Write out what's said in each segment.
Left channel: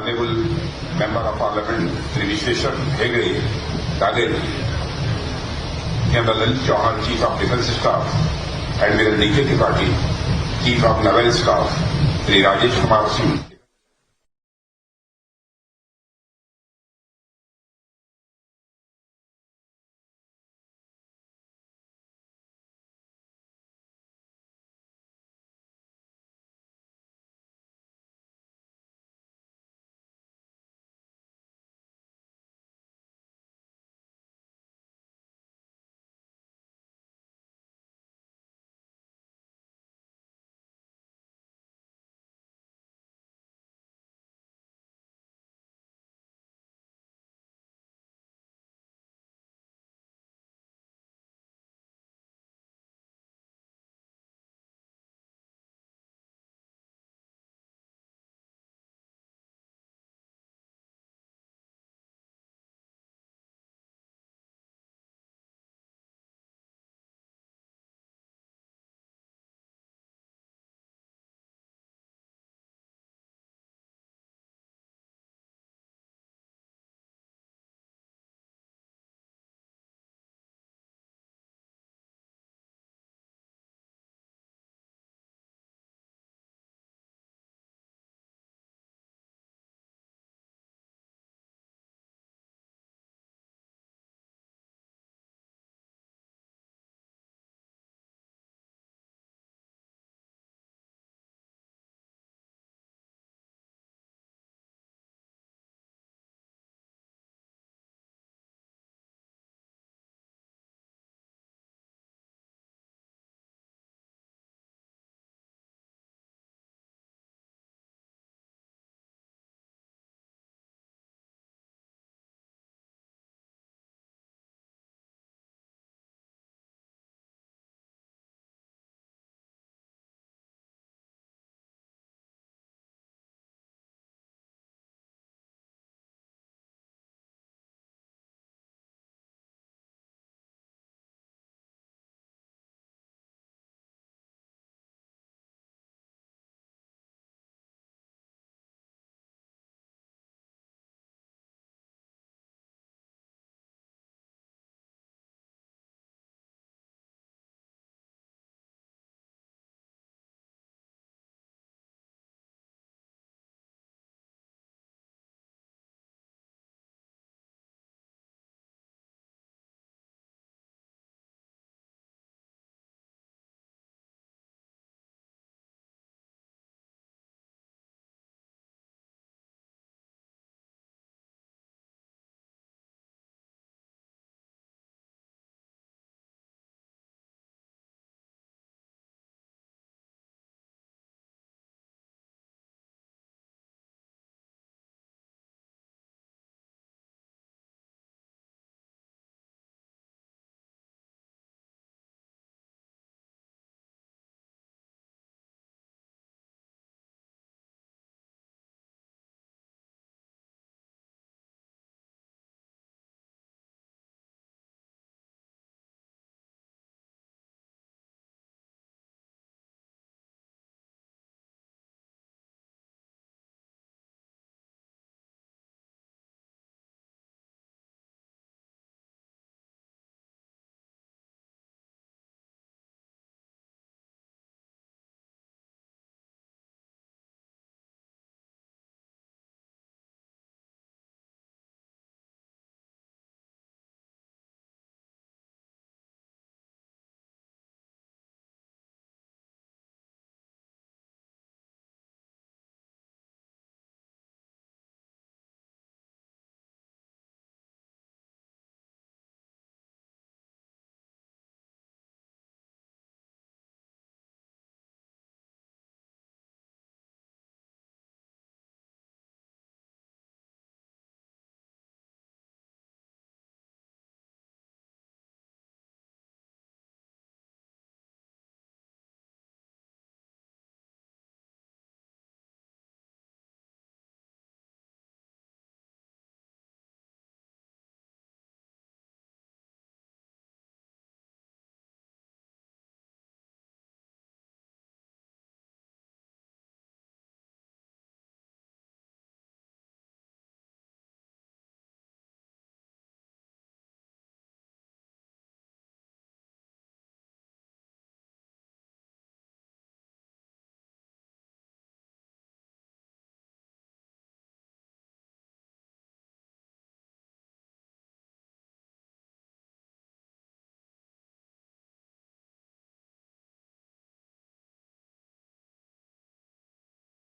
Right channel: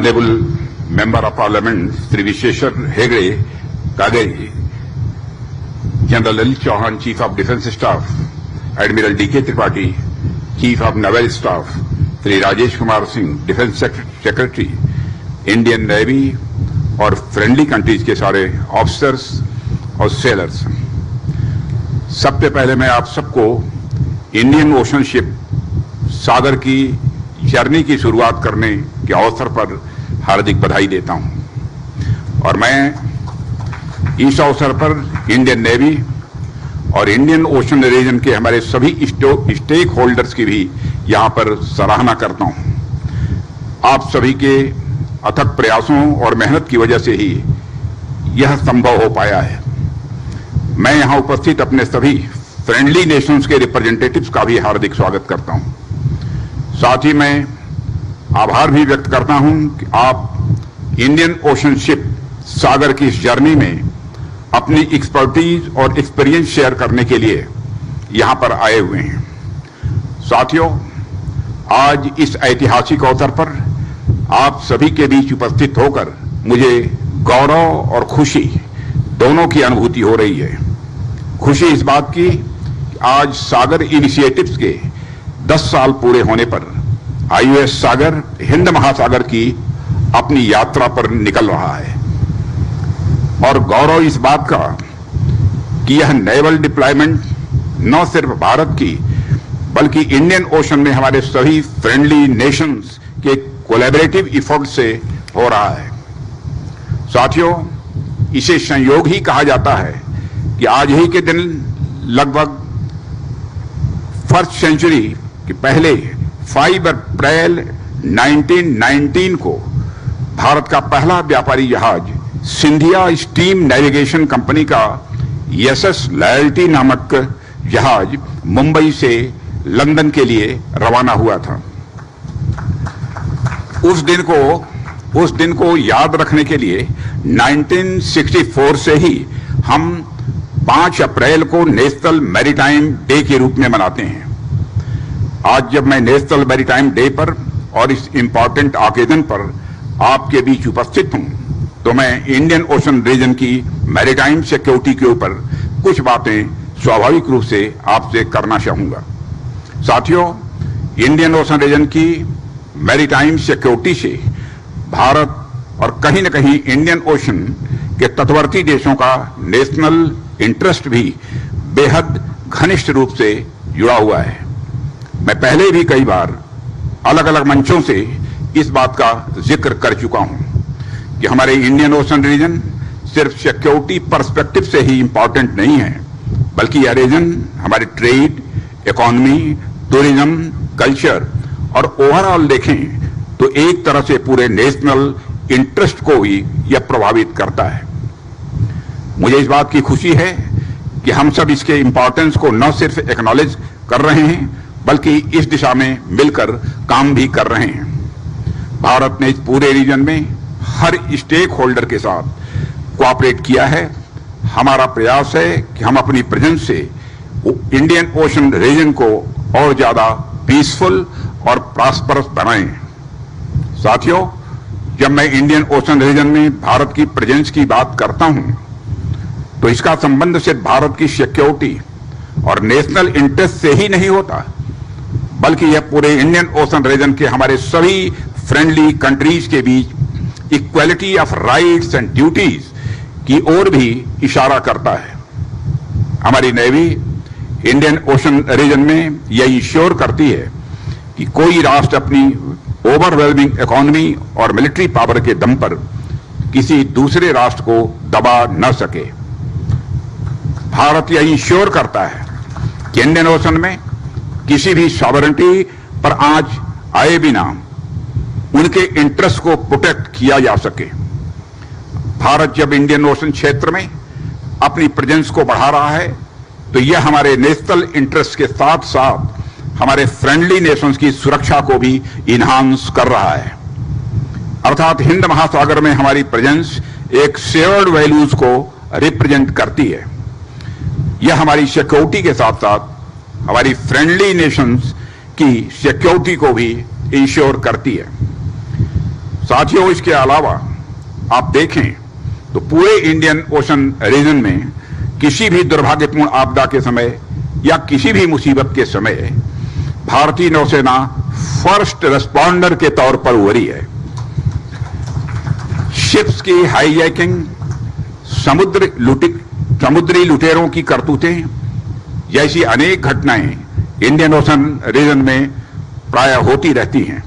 Honorable Member of Parliament Sri Visheshwar Hegde Kadeji, General Lalit Chauhan, Chief of Defence Staff, Admiral D.K. Tripathi, Chief of Naval Staff, Sri Rajesh Kumar Singh, Defence Secretary, Indian Navy और friendly countries के सारे officers और sellers, सबसे पहले मैं आप सबको Indian ocean ship सागर की जर्नी की शुरुआत करने के अवसर पर हार्दिक बधाई देता हूं। और मैं इस अवसर पर इंडियन नेवी और इंडियन ओशन रीजन के हमारे सभी स्टेक होल्डर्स की भी यहां पर सराहना करता हूं। आप सभी के अथक प्रयासों और मेहनत की वजह से ही यह संभव हो पाया है। मैं यहां उपस्थित अपने सभी फ्रेंडली नेशंस के रिप्रेजेंटेटिव्स का भी हार्दिक स्वागत करता हूं। साथ ही मैं आभार भी व्यक्त करता हूं कि आप इंडियन ओशन शिप सागर की इस जर्नी में अपनी एक्सपर्टीज और एक्सपीरियंस शेयर करने के लिए यहां पर आए हुए हैं। साथियों, आज इस ऐतिहासिक अवसर पर आप सभी के बीच उपस्थित होकर मुझे गौरव और खुशी दोनों की अनुभूति हो रही है। खुशी इस बात की कि आज सागर इनिशिएटिव्स के 10 साल पूरे होने पर IOS सागर हिंद महासागर की अपनी यात्रा पर निकल रहा है, और गौरव इस बात का कि यह नेवल डिप्लॉयमेंट न सिर्फ भारत की बल्कि इंडियन ओशन में हमारे सभी फ्रेंडली नेशंस के कोलैबोरेटिव एफर्ट से हो रहा है। साथियों, इसे संयोग ही कहा जाता है कि आज ही के दिन लगभग फर्स्ट सेंचुरी के पहले 5 अप्रैल 1919 को भारत का पहला व्यापारी जहाज सिंधिया स्टीम नेविगेशन कंपनी का SS लॉयल्टी नामक जहाज मुंबई से लंदन के लिए रवाना हुआ था। उस दिन को याद रखने के लिए 1964 से ही हम 5 अप्रैल को नेशनल मैरीटाइम डे के रूप में मनाते हैं। आज जब मैं नेशनल मैरीटाइम डे पर और इस इंपॉर्टेंट ऑकेजन पर आपके बीच उपस्थित हूं, तो मैं इंडियन ओशन रीजन की मैरीटाइम सिक्योरिटी के ऊपर कुछ बातें स्वाभाविक रूप से आपसे करना चाहूंगा। साथियों, इंडियन ओशन रीजन की मैरीटाइम सिक्योरिटी से भारत और कहीं न कहीं इंडियन ओशन के तटवर्ती देशों का नेशनल इंटरेस्ट भी बेहद घनिष्ठ रूप से जुड़ा हुआ है। मैं पहले भी कई बार अलग अलग मंचों से इस बात का जिक्र कर चुका हूं कि हमारे इंडियन ओशन रीजन सिर्फ सिक्योरिटी पर्सपेक्टिव से ही इंपॉर्टेंट नहीं है, बल्कि यह रीजन हमारे ट्रेड, इकोनॉमी, टूरिज्म, कल्चर और ओवरऑल देखें तो एक तरह से पूरे नेशनल इंटरेस्ट को भी यह प्रभावित करता है। मुझे इस बात की खुशी है कि हम सब इसके इंपॉर्टेंस को न सिर्फ एक्नॉलेज कर रहे हैं बल्कि इस दिशा में मिलकर काम भी कर रहे हैं। भारत ने इस पूरे रीजन में हर स्टेक होल्डर के साथ कोऑपरेट किया है। हमारा प्रयास है कि हम अपनी प्रेजेंस से इंडियन ओशन रीजन को और ज्यादा पीसफुल और प्रॉस्परस बनाएं। साथियों, जब मैं इंडियन ओशन रीजन में भारत की प्रेजेंस की बात करता हूं, तो इसका संबंध सिर्फ भारत की सिक्योरिटी और नेशनल इंटरेस्ट से ही नहीं होता, बल्कि यह पूरे इंडियन ओशन रीजन के हमारे सभी फ्रेंडली कंट्रीज के बीच equality of rights and duties की ओर भी इशारा करता है। हमारी नेवी इंडियन ओशन रीजन में यह इंश्योर करती है कि कोई राष्ट्र अपनी ओवरवेलमिंग इकोनॉमी और मिलिट्री पावर के दम पर किसी दूसरे राष्ट्र को दबा न सके। भारत यह इंश्योर करता है कि इंडियन ओशन में किसी भी सॉवरेनिटी पर आंच आए बिना उनके इंटरेस्ट को प्रोटेक्ट किया जा सके। भारत जब इंडियन ओशन क्षेत्र में अपनी प्रेजेंस को बढ़ा रहा है, तो यह हमारे नेशनल इंटरेस्ट के साथ साथ हमारे फ्रेंडली नेशंस की सुरक्षा को भी इन्हांस कर रहा है। अर्थात हिंद महासागर में हमारी प्रेजेंस एक शेयर्ड वैल्यूज को रिप्रेजेंट करती है। यह हमारी सिक्योरिटी के साथ साथ हमारी फ्रेंडली नेशंस की सिक्योरिटी को भी इंश्योर करती है। साथियों, इसके अलावा आप देखें तो पूरे इंडियन ओशन रीजन में किसी भी दुर्भाग्यपूर्ण आपदा के समय या किसी भी मुसीबत के समय भारतीय नौसेना फर्स्ट रिस्पॉन्डर के तौर पर उभरी है। शिप्स की हाईजैकिंग, समुद्री लुटेरों की करतूतें जैसी अनेक घटनाएं इंडियन ओशन रीजन में प्रायः होती रहती हैं।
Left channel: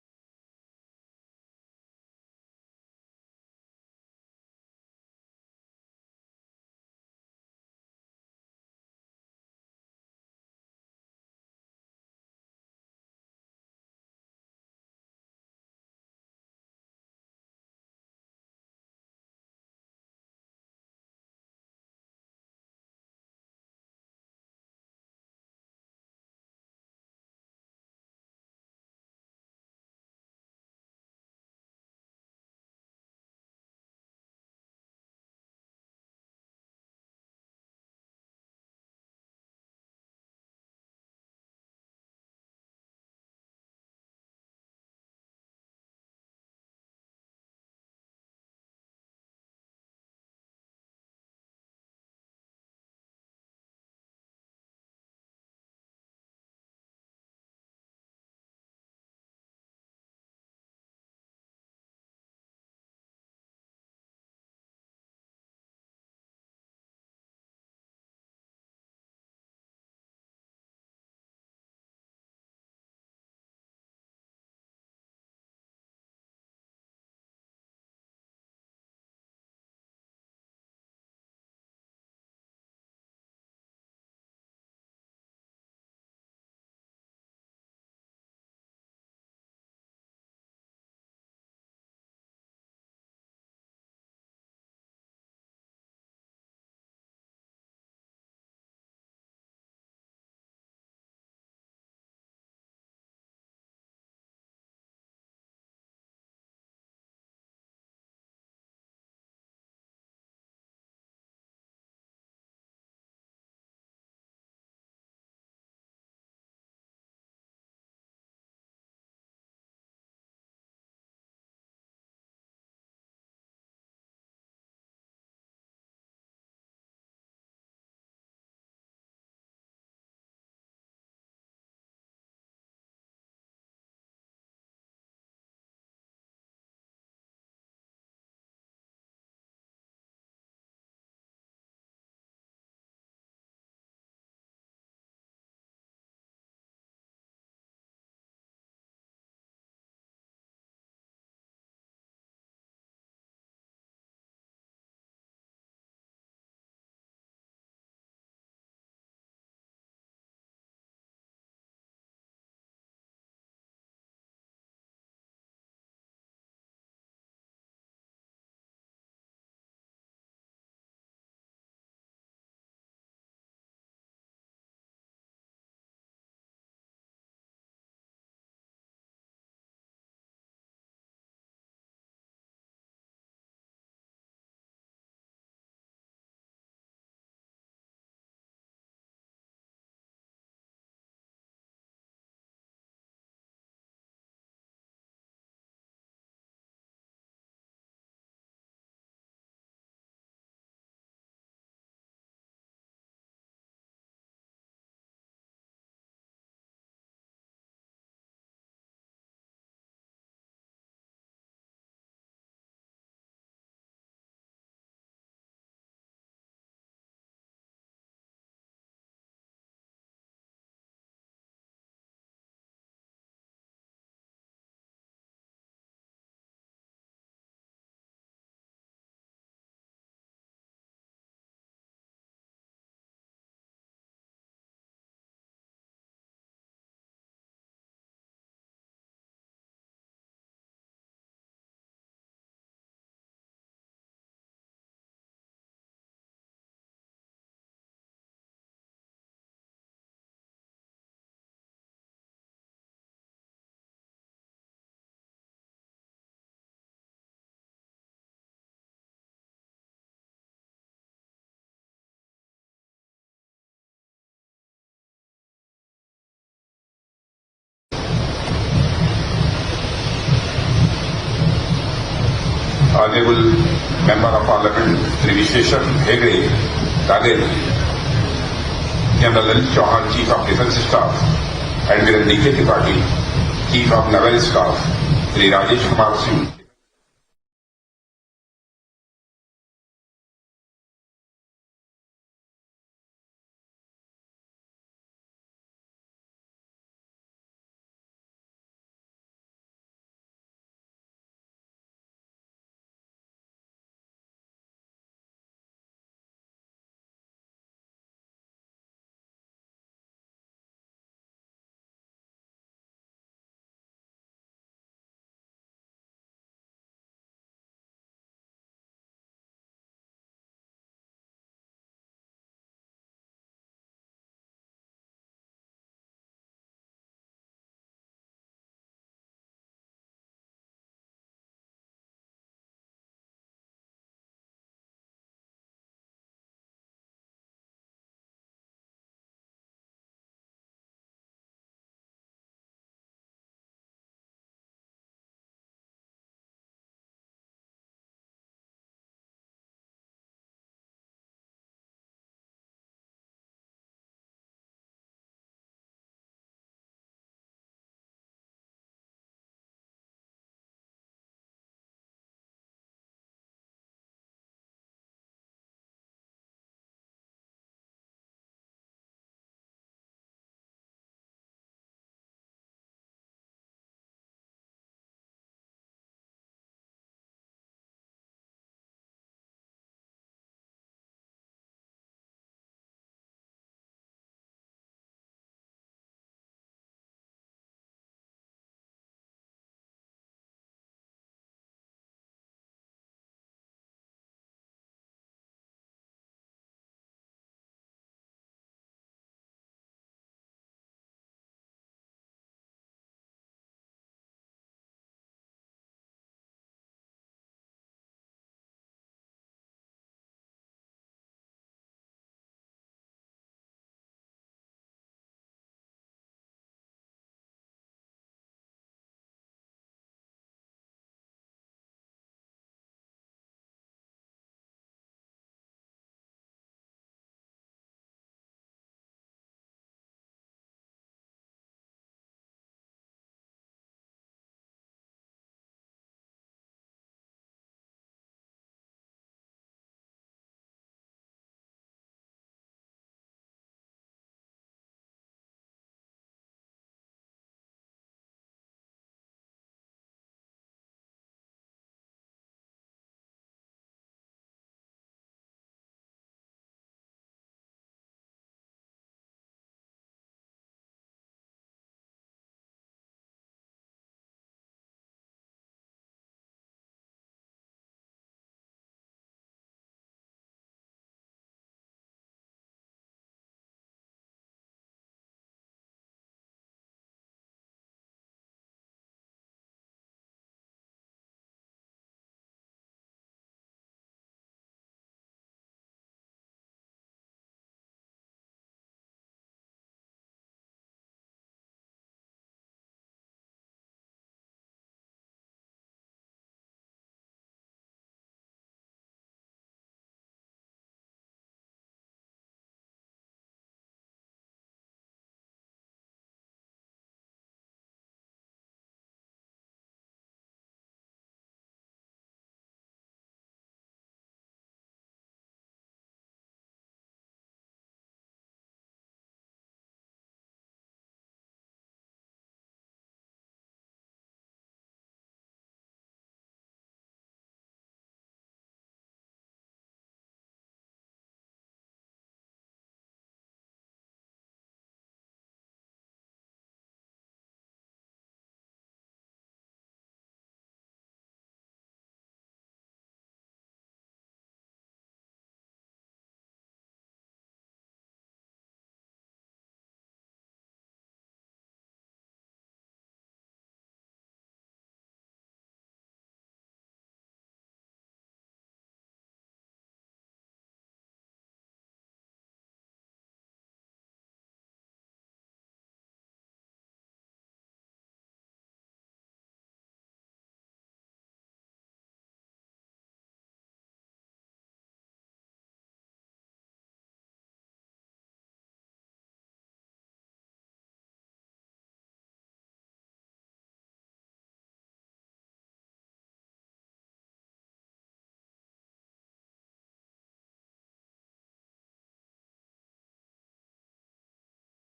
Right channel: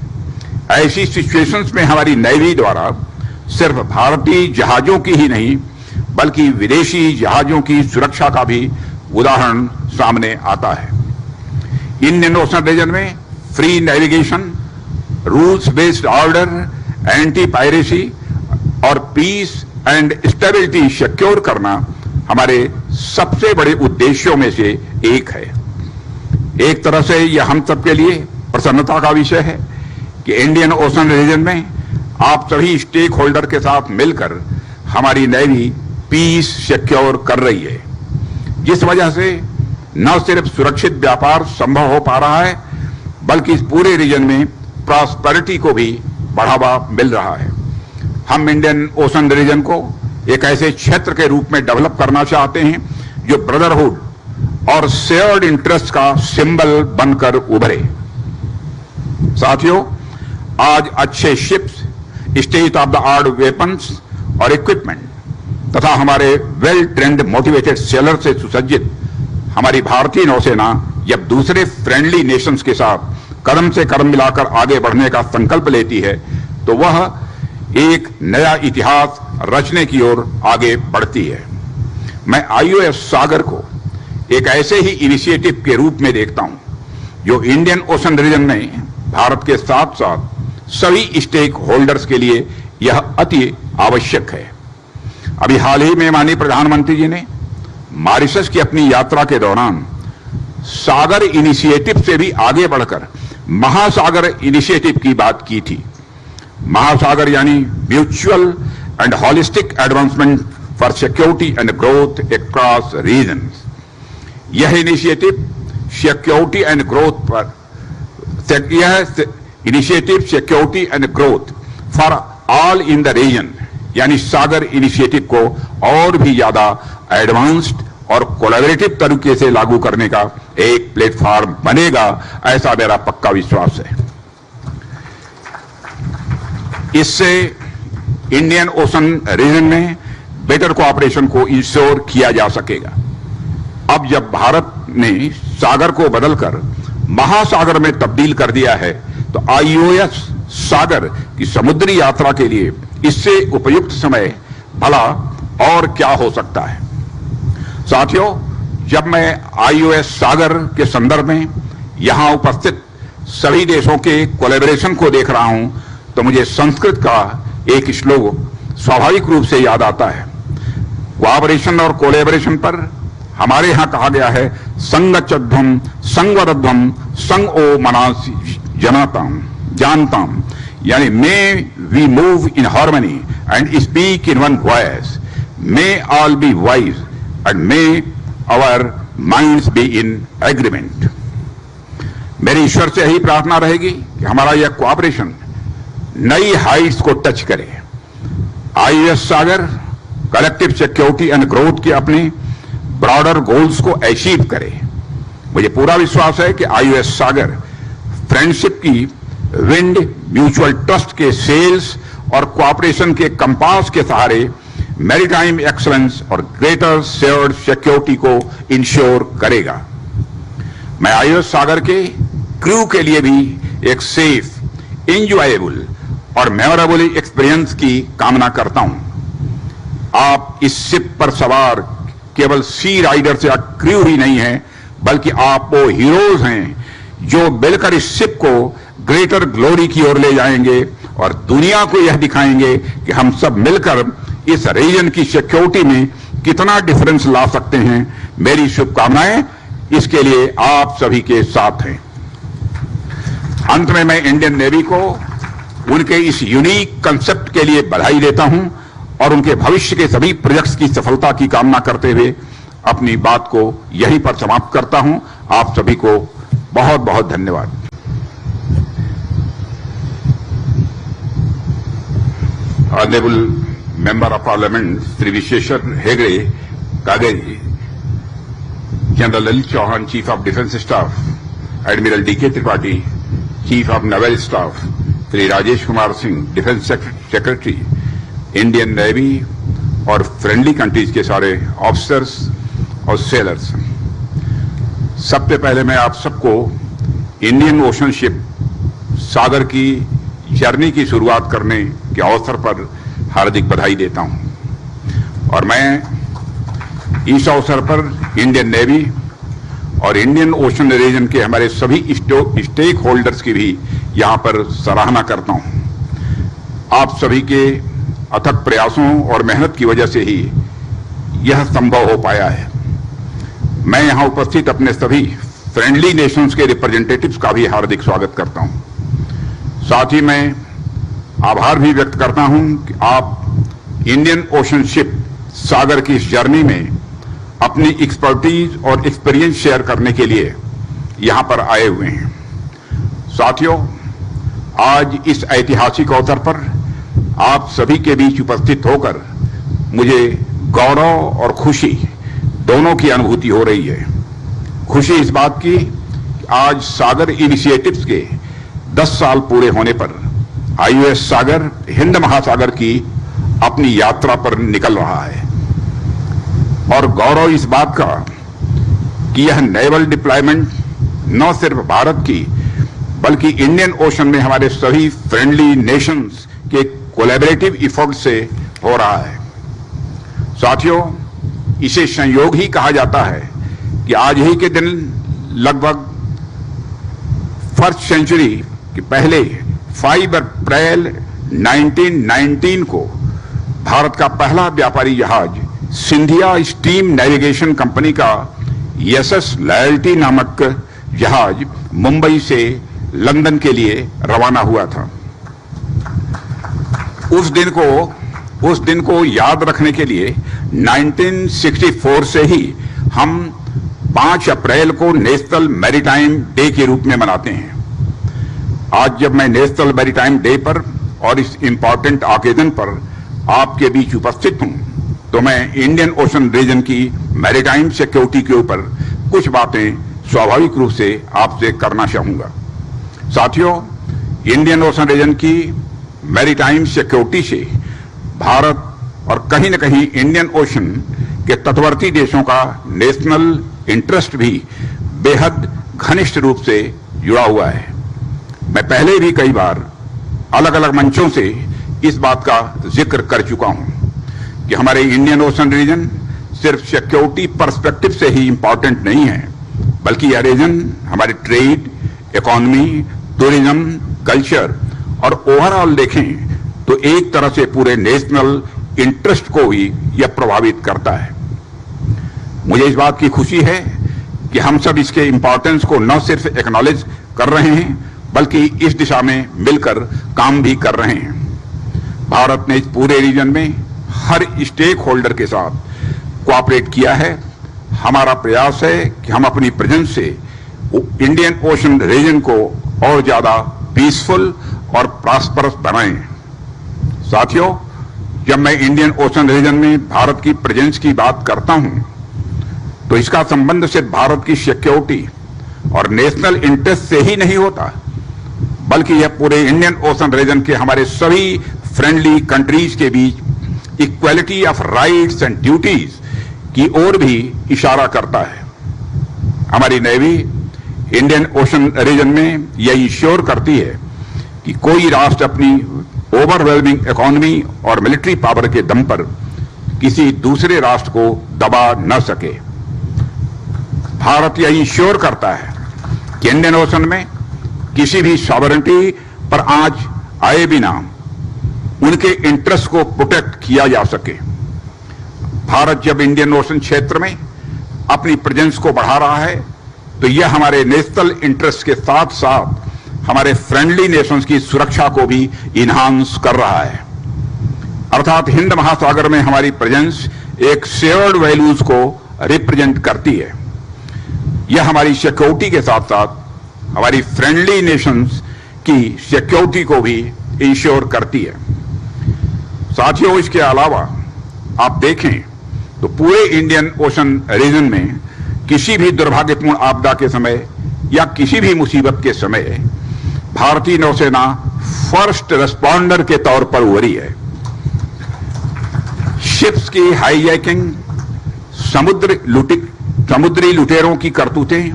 ऐसी सिचुएशंस में हमारी नेवी द्वारा सिर्फ भारतीय जहाजों की ही नहीं बल्कि विदेशी जहाजों की सुरक्षा का भी उदाहरण सामने आता है। इंडियन ओशन रीजन में free navigation, rules based order, anti piracy और पीस एंड स्टेबिलिटी सिक्योर करना हमारे सबसे बड़े उद्देश्यों में से एक है। एक तरह से यह हम सबके लिए प्रसन्नता का विषय है कि इंडियन ओशन रीजन में आप सभी स्टेक होल्डर के साथ मिलकर हमारी नेवी पीस सिक्योर कर रही है, जिस वजह से न सिर्फ सुरक्षित व्यापार संभव हो पा रहा है बल्कि इस पूरे रीजन में प्रॉस्पेरिटी को भी बढ़ावा मिल रहा है। हम इंडियन ओशन रीजन को एक ऐसे क्षेत्र के रूप में डेवलप करना चाहते हैं जो ब्रदरहुड और शेयर्ड इंटरेस्ट का सिंबल बनकर उभरे। साथियों, आज अच्छे ships, state of the art weapons और इक्विपमेंट तथा हमारे वेल ट्रेंड मोटिवेटेड सेलर से सुसज्जित हमारी भारतीय नौसेना जब दूसरे फ्रेंडली नेशंस के साथ कदम से कदम मिलाकर आगे बढ़ने का संकल्प लेती है तो वह एक नया इतिहास रचने की ओर आगे बढ़ती है। मैं आईओएस सागर को एक ऐसे ही इनिशिएटिव के रूप में देखता हूं जो इंडियन ओशन रीजन में भारत के साथ साथ सभी स्टेक होल्डर्स के लिए यह अति आवश्यक है। अभी हाल ही में माननीय प्रधानमंत्री जी ने मॉरिशस की अपनी यात्रा के दौरान सागर इनिशिएटिव से भी आगे बढ़कर महासागर इनिशिएटिव की बात की थी। महासागर यानी mutual and holistic advancement for security and growth across regions. यह इनिशिएटिव सिक्योरिटी एंड ग्रोथ पर security and growth for all in the region यानी सागर इनिशिएटिव को और भी ज्यादा एडवांस्ड और कोलैबोरेटिव तरीके से लागू करने का एक प्लेटफॉर्म बनेगा, ऐसा मेरा पक्का विश्वास है। इससे इंडियन ओशन रीजन में बेटर कोऑपरेशन को इंश्योर किया जा सकेगा। अब जब भारत ने सागर को बदलकर महासागर में तब्दील कर दिया है तो आईओएस सागर की समुद्री यात्रा के लिए इससे उपयुक्त समय भला और क्या हो सकता है। साथियों, जब मैं आईओएस सागर के संदर्भ में यहां उपस्थित सभी देशों के कोलैबोरेशन को देख रहा हूं तो मुझे संस्कृत का एक श्लोक स्वाभाविक रूप से याद आता है। कोऑपरेशन और कोलैबोरेशन पर हमारे यहां कहा गया है, संगच्चध्वम संगवरध्वम संग ओ मनास जनाताम जानताम, यानी may we move in harmony and speak in one voice, may all be wise and may our minds be in agreement. मेरी ईश्वर से यही प्रार्थना रहेगी कि हमारा यह कोऑपरेशन नई हाइट्स को टच करे। IOS Sagar collective security and growth के अपने ब्रॉडर गोल्स को अचीव करे। मुझे पूरा विश्वास है कि आईओएस सागर फ्रेंडशिप की विंड, म्यूचुअल ट्रस्ट के सेल्स और कोऑपरेशन के कंपास के सहारे मैरीटाइम एक्सलेंस और ग्रेटर शेयर्ड सिक्योरिटी को इंश्योर करेगा। मैं आईओएस सागर के क्रू के लिए भी एक सेफ, इंजॉयबल और मेमोरेबल एक्सपीरियंस की कामना करता हूं। आप इस शिप पर सवार केवल सी राइडर्स या क्रू ही नहीं हैं, बल्कि आप वो हीरोज हैं जो मिलकर इस शिप को ग्रेटर ग्लोरी की ओर ले जाएंगे और दुनिया को यह दिखाएंगे कि हम सब मिलकर इस रीजन की सिक्योरिटी में कितना डिफरेंस ला सकते हैं। मेरी शुभकामनाएं इसके लिए आप सभी के साथ हैं। अंत में मैं इंडियन नेवी को उनके इस यूनिक कंसेप्ट के लिए बधाई देता हूं और उनके भविष्य के सभी प्रोजेक्ट्स की सफलता की कामना करते हुए अपनी बात को यहीं पर समाप्त करता हूं। आप सभी को बहुत बहुत धन्यवाद। Honorable Member of Parliament Sri Visheshwar Hegde, Kageri, General L. Chauhan, Chief of Defence Staff, Admiral D.K. Tripathi, Chief of Naval Staff, Sri Rajesh Kumar Singh, Defence Secretary, Indian Navy और फ्रेंडली कंट्रीज के सारे officers और sellers, सबसे पहले मैं आप सबको Indian ocean ship सागर की जर्नी की शुरुआत करने के अवसर पर हार्दिक बधाई देता हूं। और मैं इस अवसर पर इंडियन नेवी और इंडियन ओशन रीजन के हमारे सभी स्टेक होल्डर्स की भी यहां पर सराहना करता हूं। आप सभी के अथक प्रयासों और मेहनत की वजह से ही यह संभव हो पाया है। मैं यहां उपस्थित अपने सभी फ्रेंडली नेशंस के रिप्रेजेंटेटिव्स का भी हार्दिक स्वागत करता हूं। साथ ही मैं आभार भी व्यक्त करता हूं कि आप इंडियन ओशन शिप सागर की इस जर्नी में अपनी एक्सपर्टीज और एक्सपीरियंस शेयर करने के लिए यहां पर आए हुए हैं। साथियों, आज इस ऐतिहासिक अवसर पर आप सभी के बीच उपस्थित होकर मुझे गौरव और खुशी दोनों की अनुभूति हो रही है। खुशी इस बात की आज सागर इनिशिएटिव्स के 10 साल पूरे होने पर आईओएस सागर हिंद महासागर की अपनी यात्रा पर निकल रहा है, और गौरव इस बात का कि यह नेवल डिप्लॉयमेंट न सिर्फ भारत की बल्कि इंडियन ओशन में हमारे सभी फ्रेंडली नेशंस के कोलैबोरेटिव एफर्ट से हो रहा है। साथियों, इसे संयोग ही कहा जाता है कि आज ही के दिन लगभग फर्स्ट सेंचुरी के पहले 5 अप्रैल 1919 को भारत का पहला व्यापारी जहाज सिंधिया स्टीम नेविगेशन कंपनी का एसएस लॉयल्टी नामक जहाज मुंबई से लंदन के लिए रवाना हुआ था। उस दिन को याद रखने के लिए 1964 से ही हम 5 अप्रैल को नेशनल मैरीटाइम डे के रूप में मनाते हैं। आज जब मैं नेशनल मैरीटाइम डे पर और इस इंपॉर्टेंट ऑकेजन पर आपके बीच उपस्थित हूं, तो मैं इंडियन ओशन रीजन की मैरीटाइम सिक्योरिटी के ऊपर कुछ बातें स्वाभाविक रूप से आपसे करना चाहूंगा। साथियों, इंडियन ओशन रीजन की मैरीटाइम सिक्योरिटी से भारत और कहीं न कहीं इंडियन ओशन के तटवर्ती देशों का नेशनल इंटरेस्ट भी बेहद घनिष्ठ रूप से जुड़ा हुआ है। मैं पहले भी कई बार अलग अलग मंचों से इस बात का जिक्र कर चुका हूं कि हमारे इंडियन ओशन रीजन सिर्फ सिक्योरिटी पर्सपेक्टिव से ही इंपॉर्टेंट नहीं है, बल्कि यह रीजन हमारे ट्रेड, इकोनॉमी, टूरिज्म, कल्चर और ओवरऑल देखें तो एक तरह से पूरे नेशनल इंटरेस्ट को ही यह प्रभावित करता है। मुझे इस बात की खुशी है कि हम सब इसके इंपॉर्टेंस को न सिर्फ एक्नॉलेज कर रहे हैं बल्कि इस दिशा में मिलकर काम भी कर रहे हैं। भारत ने इस पूरे रीजन में हर स्टेक होल्डर के साथ कोऑपरेट किया है। हमारा प्रयास है कि हम अपनी प्रेजेंस से इंडियन ओशन रीजन को और ज्यादा पीसफुल और प्रॉस्परस बनाएं। साथियों, जब मैं इंडियन ओशन रीजन में भारत की प्रेजेंस की बात करता हूं, तो इसका संबंध सिर्फ भारत की सिक्योरिटी और नेशनल इंटरेस्ट से ही नहीं होता, बल्कि यह पूरे इंडियन ओशन रीजन के हमारे सभी फ्रेंडली कंट्रीज के बीच equality of rights and duties की ओर भी इशारा करता है। हमारी नेवी इंडियन ओशन रीजन में यह इंश्योर करती है कि कोई राष्ट्र अपनी ओवरवेलमिंग इकोनॉमी और मिलिट्री पावर के दम पर किसी दूसरे राष्ट्र को दबा न सके। भारत यह इंश्योर करता है कि इंडियन ओशन में किसी भी सॉवरेनिटी पर आंच आए बिना उनके इंटरेस्ट को प्रोटेक्ट किया जा सके। भारत जब इंडियन ओशन क्षेत्र में अपनी प्रेजेंस को बढ़ा रहा है, तो यह हमारे नेशनल इंटरेस्ट के साथ साथ हमारे फ्रेंडली नेशंस की सुरक्षा को भी इन्हांस कर रहा है। अर्थात हिंद महासागर में हमारी प्रेजेंस एक शेयर्ड वैल्यूज को रिप्रेजेंट करती है। यह हमारी सिक्योरिटी के साथ साथ हमारी फ्रेंडली नेशंस की सिक्योरिटी को भी इंश्योर करती है। साथियों, इसके अलावा आप देखें तो पूरे इंडियन ओशन रीजन में किसी भी दुर्भाग्यपूर्ण आपदा के समय या किसी भी मुसीबत के समय भारतीय नौसेना फर्स्ट रेस्पॉन्डर के तौर पर उभरी है। शिप्स की हाईजैकिंग, समुद्री लुटेरों की करतूतें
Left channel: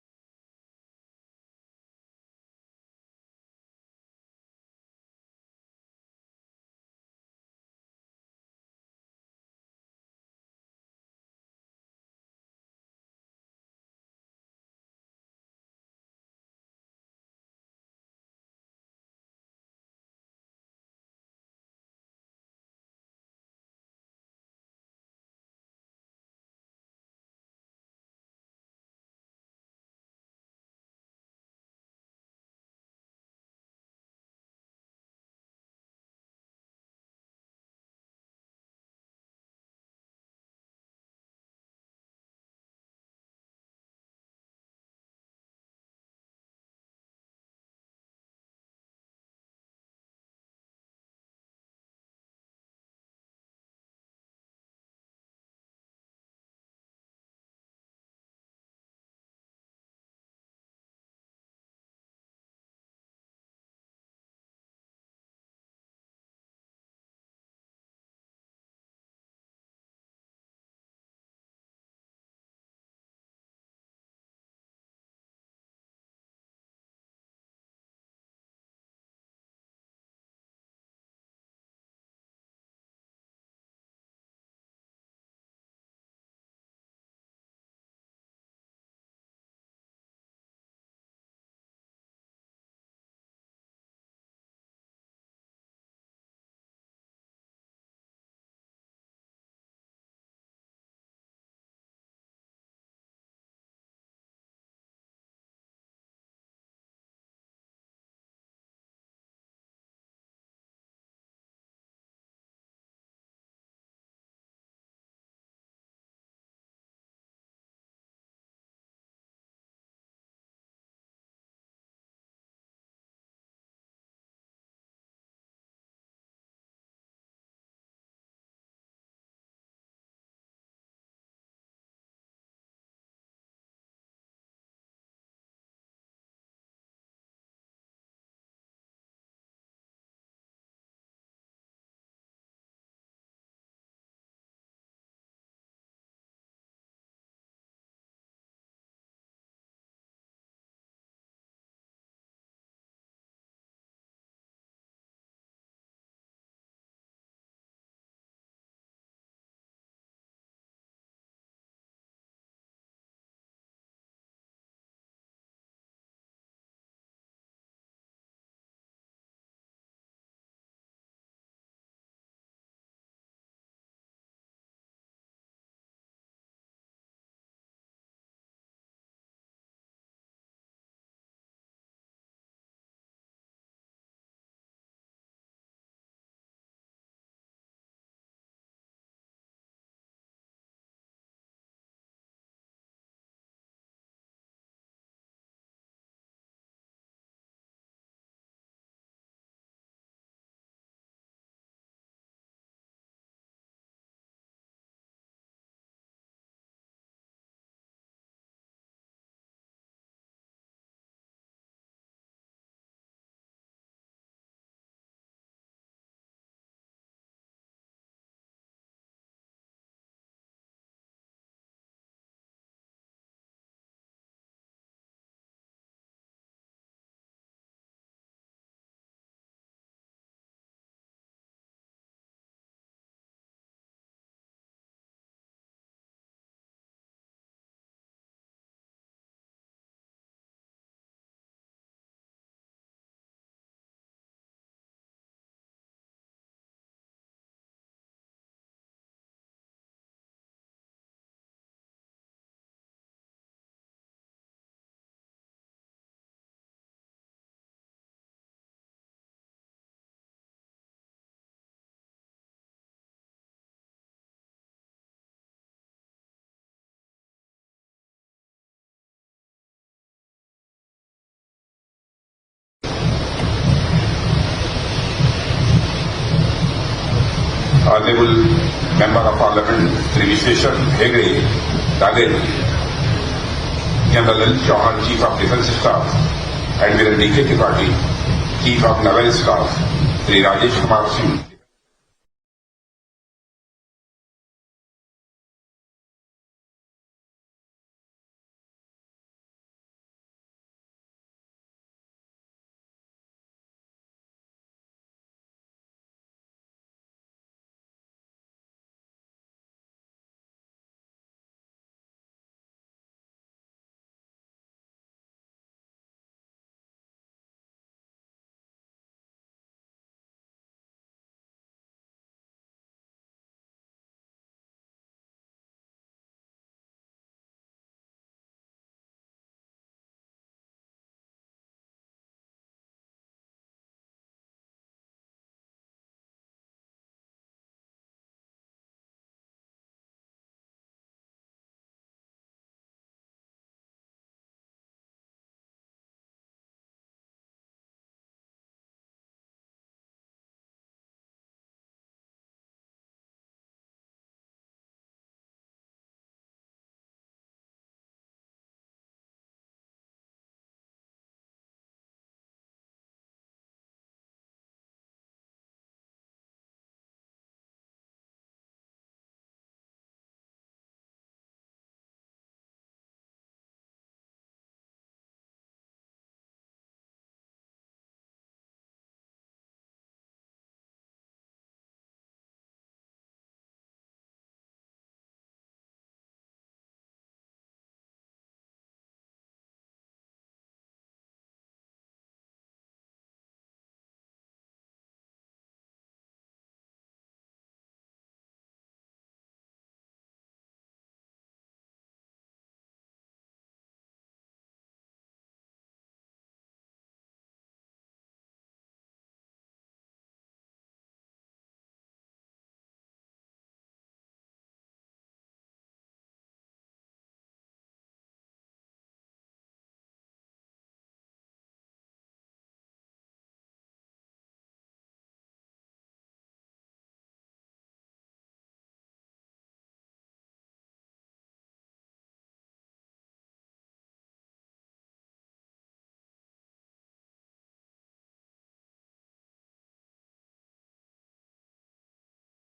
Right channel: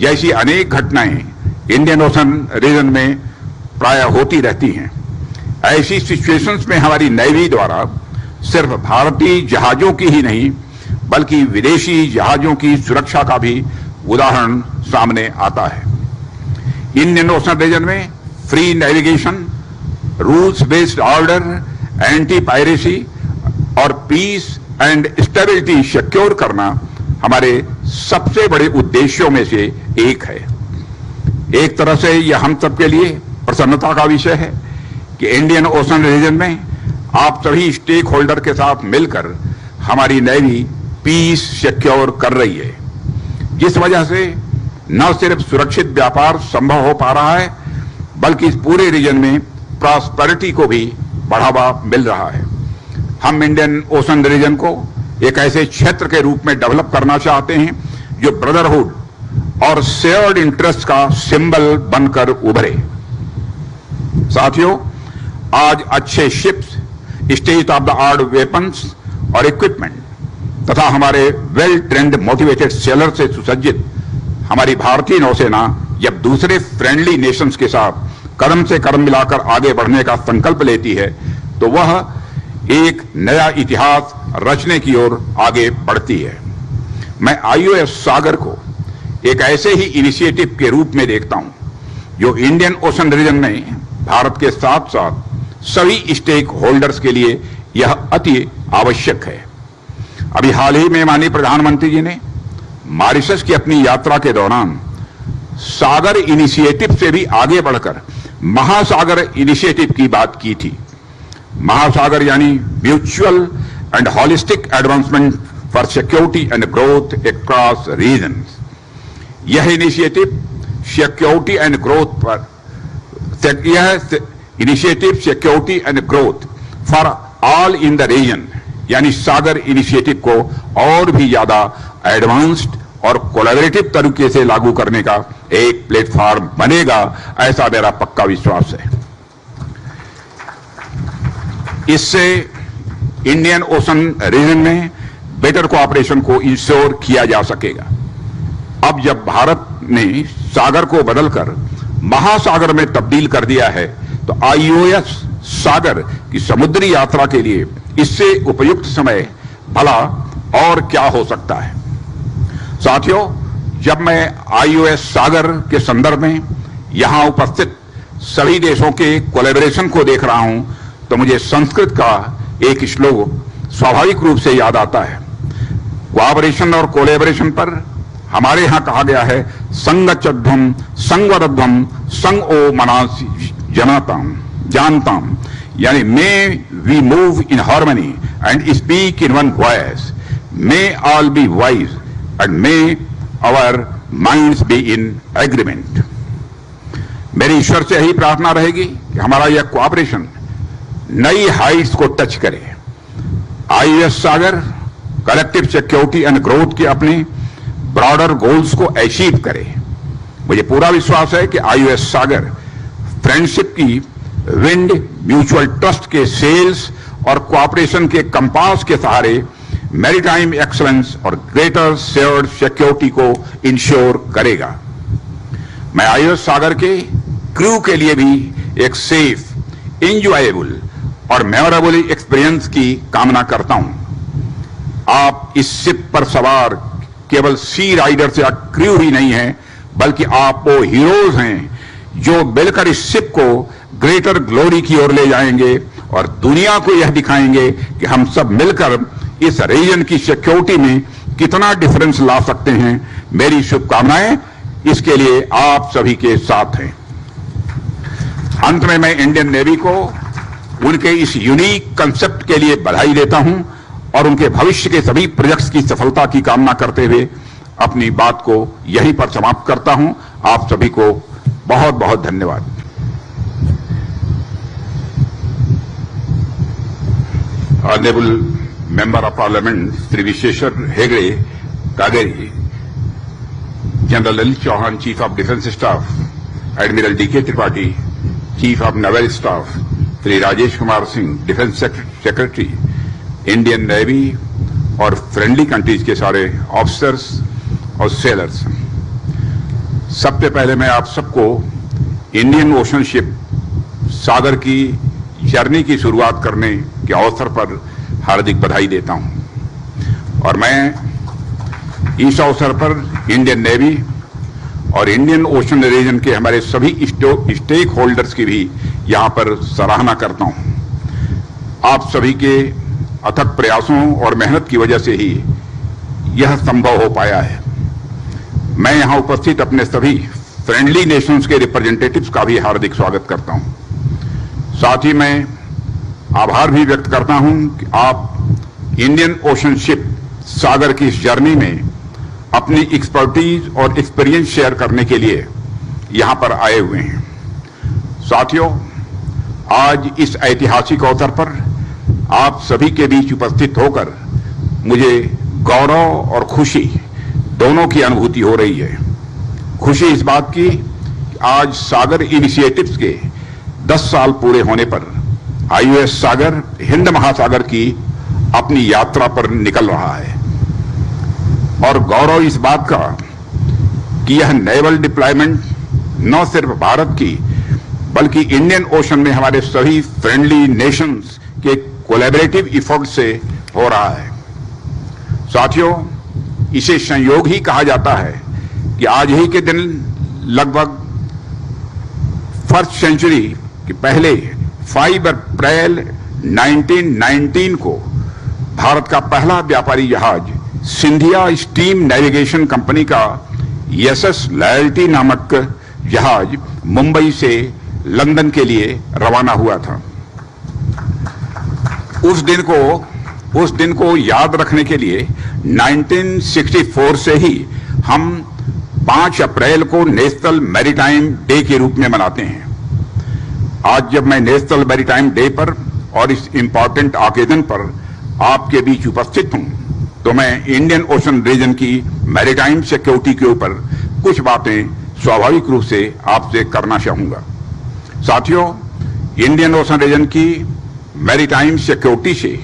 जैसी अनेक घटनाएं इंडियन ओशन रीजन में प्राय होती रहती हैं। ऐसी सिचुएशंस में हमारी नेवी द्वारा सिर्फ भारतीय जहाजों की ही नहीं बल्कि विदेशी जहाजों की सुरक्षा का भी उदाहरण सामने आता है। इंडियन ओशन रीजन में free navigation, rules based order, anti piracy और पीस एंड स्टेबिलिटी सिक्योर करना हमारे सबसे बड़े उद्देश्यों में से एक है। एक तरह से यह हम सबके लिए प्रसन्नता का विषय है कि इंडियन ओशन रीजन में आप सभी स्टेक होल्डर के साथ मिलकर हमारी नेवी पीस सिक्योर कर रही है, जिस वजह से न सिर्फ सुरक्षित व्यापार संभव हो पा रहा है बल्कि इस पूरे रीजन में प्रॉस्पेरिटी को भी बढ़ावा मिल रहा है। हम इंडियन ओशन रीजन को एक ऐसे क्षेत्र के रूप में डेवलप करना चाहते हैं जो ब्रदरहुड और शेयर्ड इंटरेस्ट का सिंबल बनकर उभरे। साथियों, आज अच्छे ships, state of the art weapons और इक्विपमेंट तथा हमारे वेल ट्रेंड मोटिवेटेड सेलर से सुसज्जित हमारी भारतीय नौसेना जब दूसरे फ्रेंडली नेशंस के साथ कदम से कदम मिलाकर आगे बढ़ने का संकल्प लेती है तो वह एक नया इतिहास रचने की ओर आगे बढ़ती है। मैं आईओएस सागर को एक ऐसे ही इनिशिएटिव के रूप में देखता हूं जो इंडियन ओशन रीजन में भारत के साथ साथ सभी स्टेक होल्डर्स के लिए यह अति आवश्यक है। अभी हाल ही में माननीय प्रधानमंत्री जी ने मॉरिशस की अपनी यात्रा के दौरान सागर इनिशिएटिव से भी आगे बढ़कर महासागर इनिशिएटिव की बात की थी। महासागर यानी mutual and holistic advancement for security and growth across regions. यह इनिशिएटिव सिक्योरिटी एंड ग्रोथ पर security and growth for all in the region यानी सागर इनिशिएटिव को और भी ज्यादा एडवांस्ड और कोलैबोरेटिव तरीके से लागू करने का एक प्लेटफॉर्म बनेगा, ऐसा मेरा पक्का विश्वास है। इससे इंडियन ओशन रीजन में बेटर कोऑपरेशन को इंश्योर किया जा सकेगा। अब जब भारत ने सागर को बदलकर महासागर में तब्दील कर दिया है तो आईओएस सागर की समुद्री यात्रा के लिए इससे उपयुक्त समय भला और क्या हो सकता है। साथियों, जब मैं आईओएस सागर के संदर्भ में यहां उपस्थित सभी देशों के कोलैबोरेशन को देख रहा हूं तो मुझे संस्कृत का एक श्लोक स्वाभाविक रूप से याद आता है। कोऑपरेशन और कोलैबोरेशन पर हमारे यहां कहा गया है, संगच्चध्वम संगवरध्वम संग ओ मनास जानताम, यानी may we move in harmony and speak in one voice, may all be wise and may our minds be in agreement. मेरी ईश्वर से यही प्रार्थना रहेगी कि हमारा यह कोऑपरेशन नई हाइट्स को टच करे। IOS Sagar collective security and growth के अपने ब्रॉडर गोल्स को अचीव करे। मुझे पूरा विश्वास है कि आईओएस सागर फ्रेंडशिप की विंड, म्यूचुअल ट्रस्ट के सेल्स और कोऑपरेशन के कंपास के सहारे मैरीटाइम एक्सलेंस और ग्रेटर शेयर्ड सिक्योरिटी को इंश्योर करेगा। मैं आईओएस सागर के क्रू के लिए भी एक सेफ, इंजॉयबल और मेमोरेबल एक्सपीरियंस की कामना करता हूं। आप इस शिप पर सवार केवल सी राइडर्स या क्रू ही नहीं हैं, बल्कि आप वो हीरोज हैं जो मिलकर इस शिप को ग्रेटर ग्लोरी की ओर ले जाएंगे और दुनिया को यह दिखाएंगे कि हम सब मिलकर इस रीजन की सिक्योरिटी में कितना डिफरेंस ला सकते हैं। मेरी शुभकामनाएं इसके लिए आप सभी के साथ हैं। अंत में मैं इंडियन नेवी को उनके इस यूनिक कंसेप्ट के लिए बधाई देता हूं और उनके भविष्य के सभी प्रोजेक्ट्स की सफलता की कामना करते हुए अपनी बात को यहीं पर समाप्त करता हूं। आप सभी को बहुत बहुत धन्यवाद। Honorable Member of Parliament Sri Visheshwar Hegde, Kageri, General L. Chauhan, Chief of Defence Staff, Admiral D.K. Tripathi, Chief of Naval Staff, Sri Rajesh Kumar Singh, Defence Secretary, Indian Navy और फ्रेंडली कंट्रीज के सारे officers और sellers, सबसे पहले मैं आप सबको Indian ocean ship सागर की जर्नी की शुरुआत करने के अवसर पर हार्दिक बधाई देता हूं। और मैं इस अवसर पर इंडियन नेवी और इंडियन ओशन रीजन के हमारे सभी स्टेक होल्डर्स की भी यहां पर सराहना करता हूं। आप सभी के अथक प्रयासों और मेहनत की वजह से ही यह संभव हो पाया है। मैं यहां उपस्थित अपने सभी फ्रेंडली नेशंस के रिप्रेजेंटेटिव्स का भी हार्दिक स्वागत करता हूं। साथ ही मैं आभार भी व्यक्त करता हूं कि आप इंडियन ओशन शिप सागर की इस जर्नी में अपनी एक्सपर्टीज और एक्सपीरियंस शेयर करने के लिए यहां पर आए हुए हैं। साथियों, आज इस ऐतिहासिक अवसर पर आप सभी के बीच उपस्थित होकर मुझे गौरव और खुशी दोनों की अनुभूति हो रही है। खुशी इस बात की कि आज सागर इनिशिएटिव्स के 10 साल पूरे होने पर आईओएस सागर हिंद महासागर की अपनी यात्रा पर निकल रहा है, और गौरव इस बात का कि यह नेवल डिप्लॉयमेंट न सिर्फ भारत की बल्कि इंडियन ओशन में हमारे सभी फ्रेंडली नेशंस के कोलैबोरेटिव एफर्ट से हो रहा है। साथियों, इसे संयोग ही कहा जाता है कि आज ही के दिन लगभग फर्स्ट सेंचुरी के पहले 5 अप्रैल 1919 को भारत का पहला व्यापारी जहाज सिंधिया स्टीम नेविगेशन कंपनी का एसएस लॉयल्टी नामक जहाज मुंबई से लंदन के लिए रवाना हुआ था। उस दिन को याद रखने के लिए 1964 से ही हम 5 अप्रैल को नेशनल मैरीटाइम डे के रूप में मनाते हैं। आज जब मैं नेशनल मैरीटाइम डे पर और इस इंपॉर्टेंट ऑकेजन पर आपके बीच उपस्थित हूं, तो मैं इंडियन ओशन रीजन की मैरीटाइम सिक्योरिटी के ऊपर कुछ बातें स्वाभाविक रूप से आपसे करना चाहूंगा। साथियों, इंडियन ओशन रीजन की मैरीटाइम सिक्योरिटी से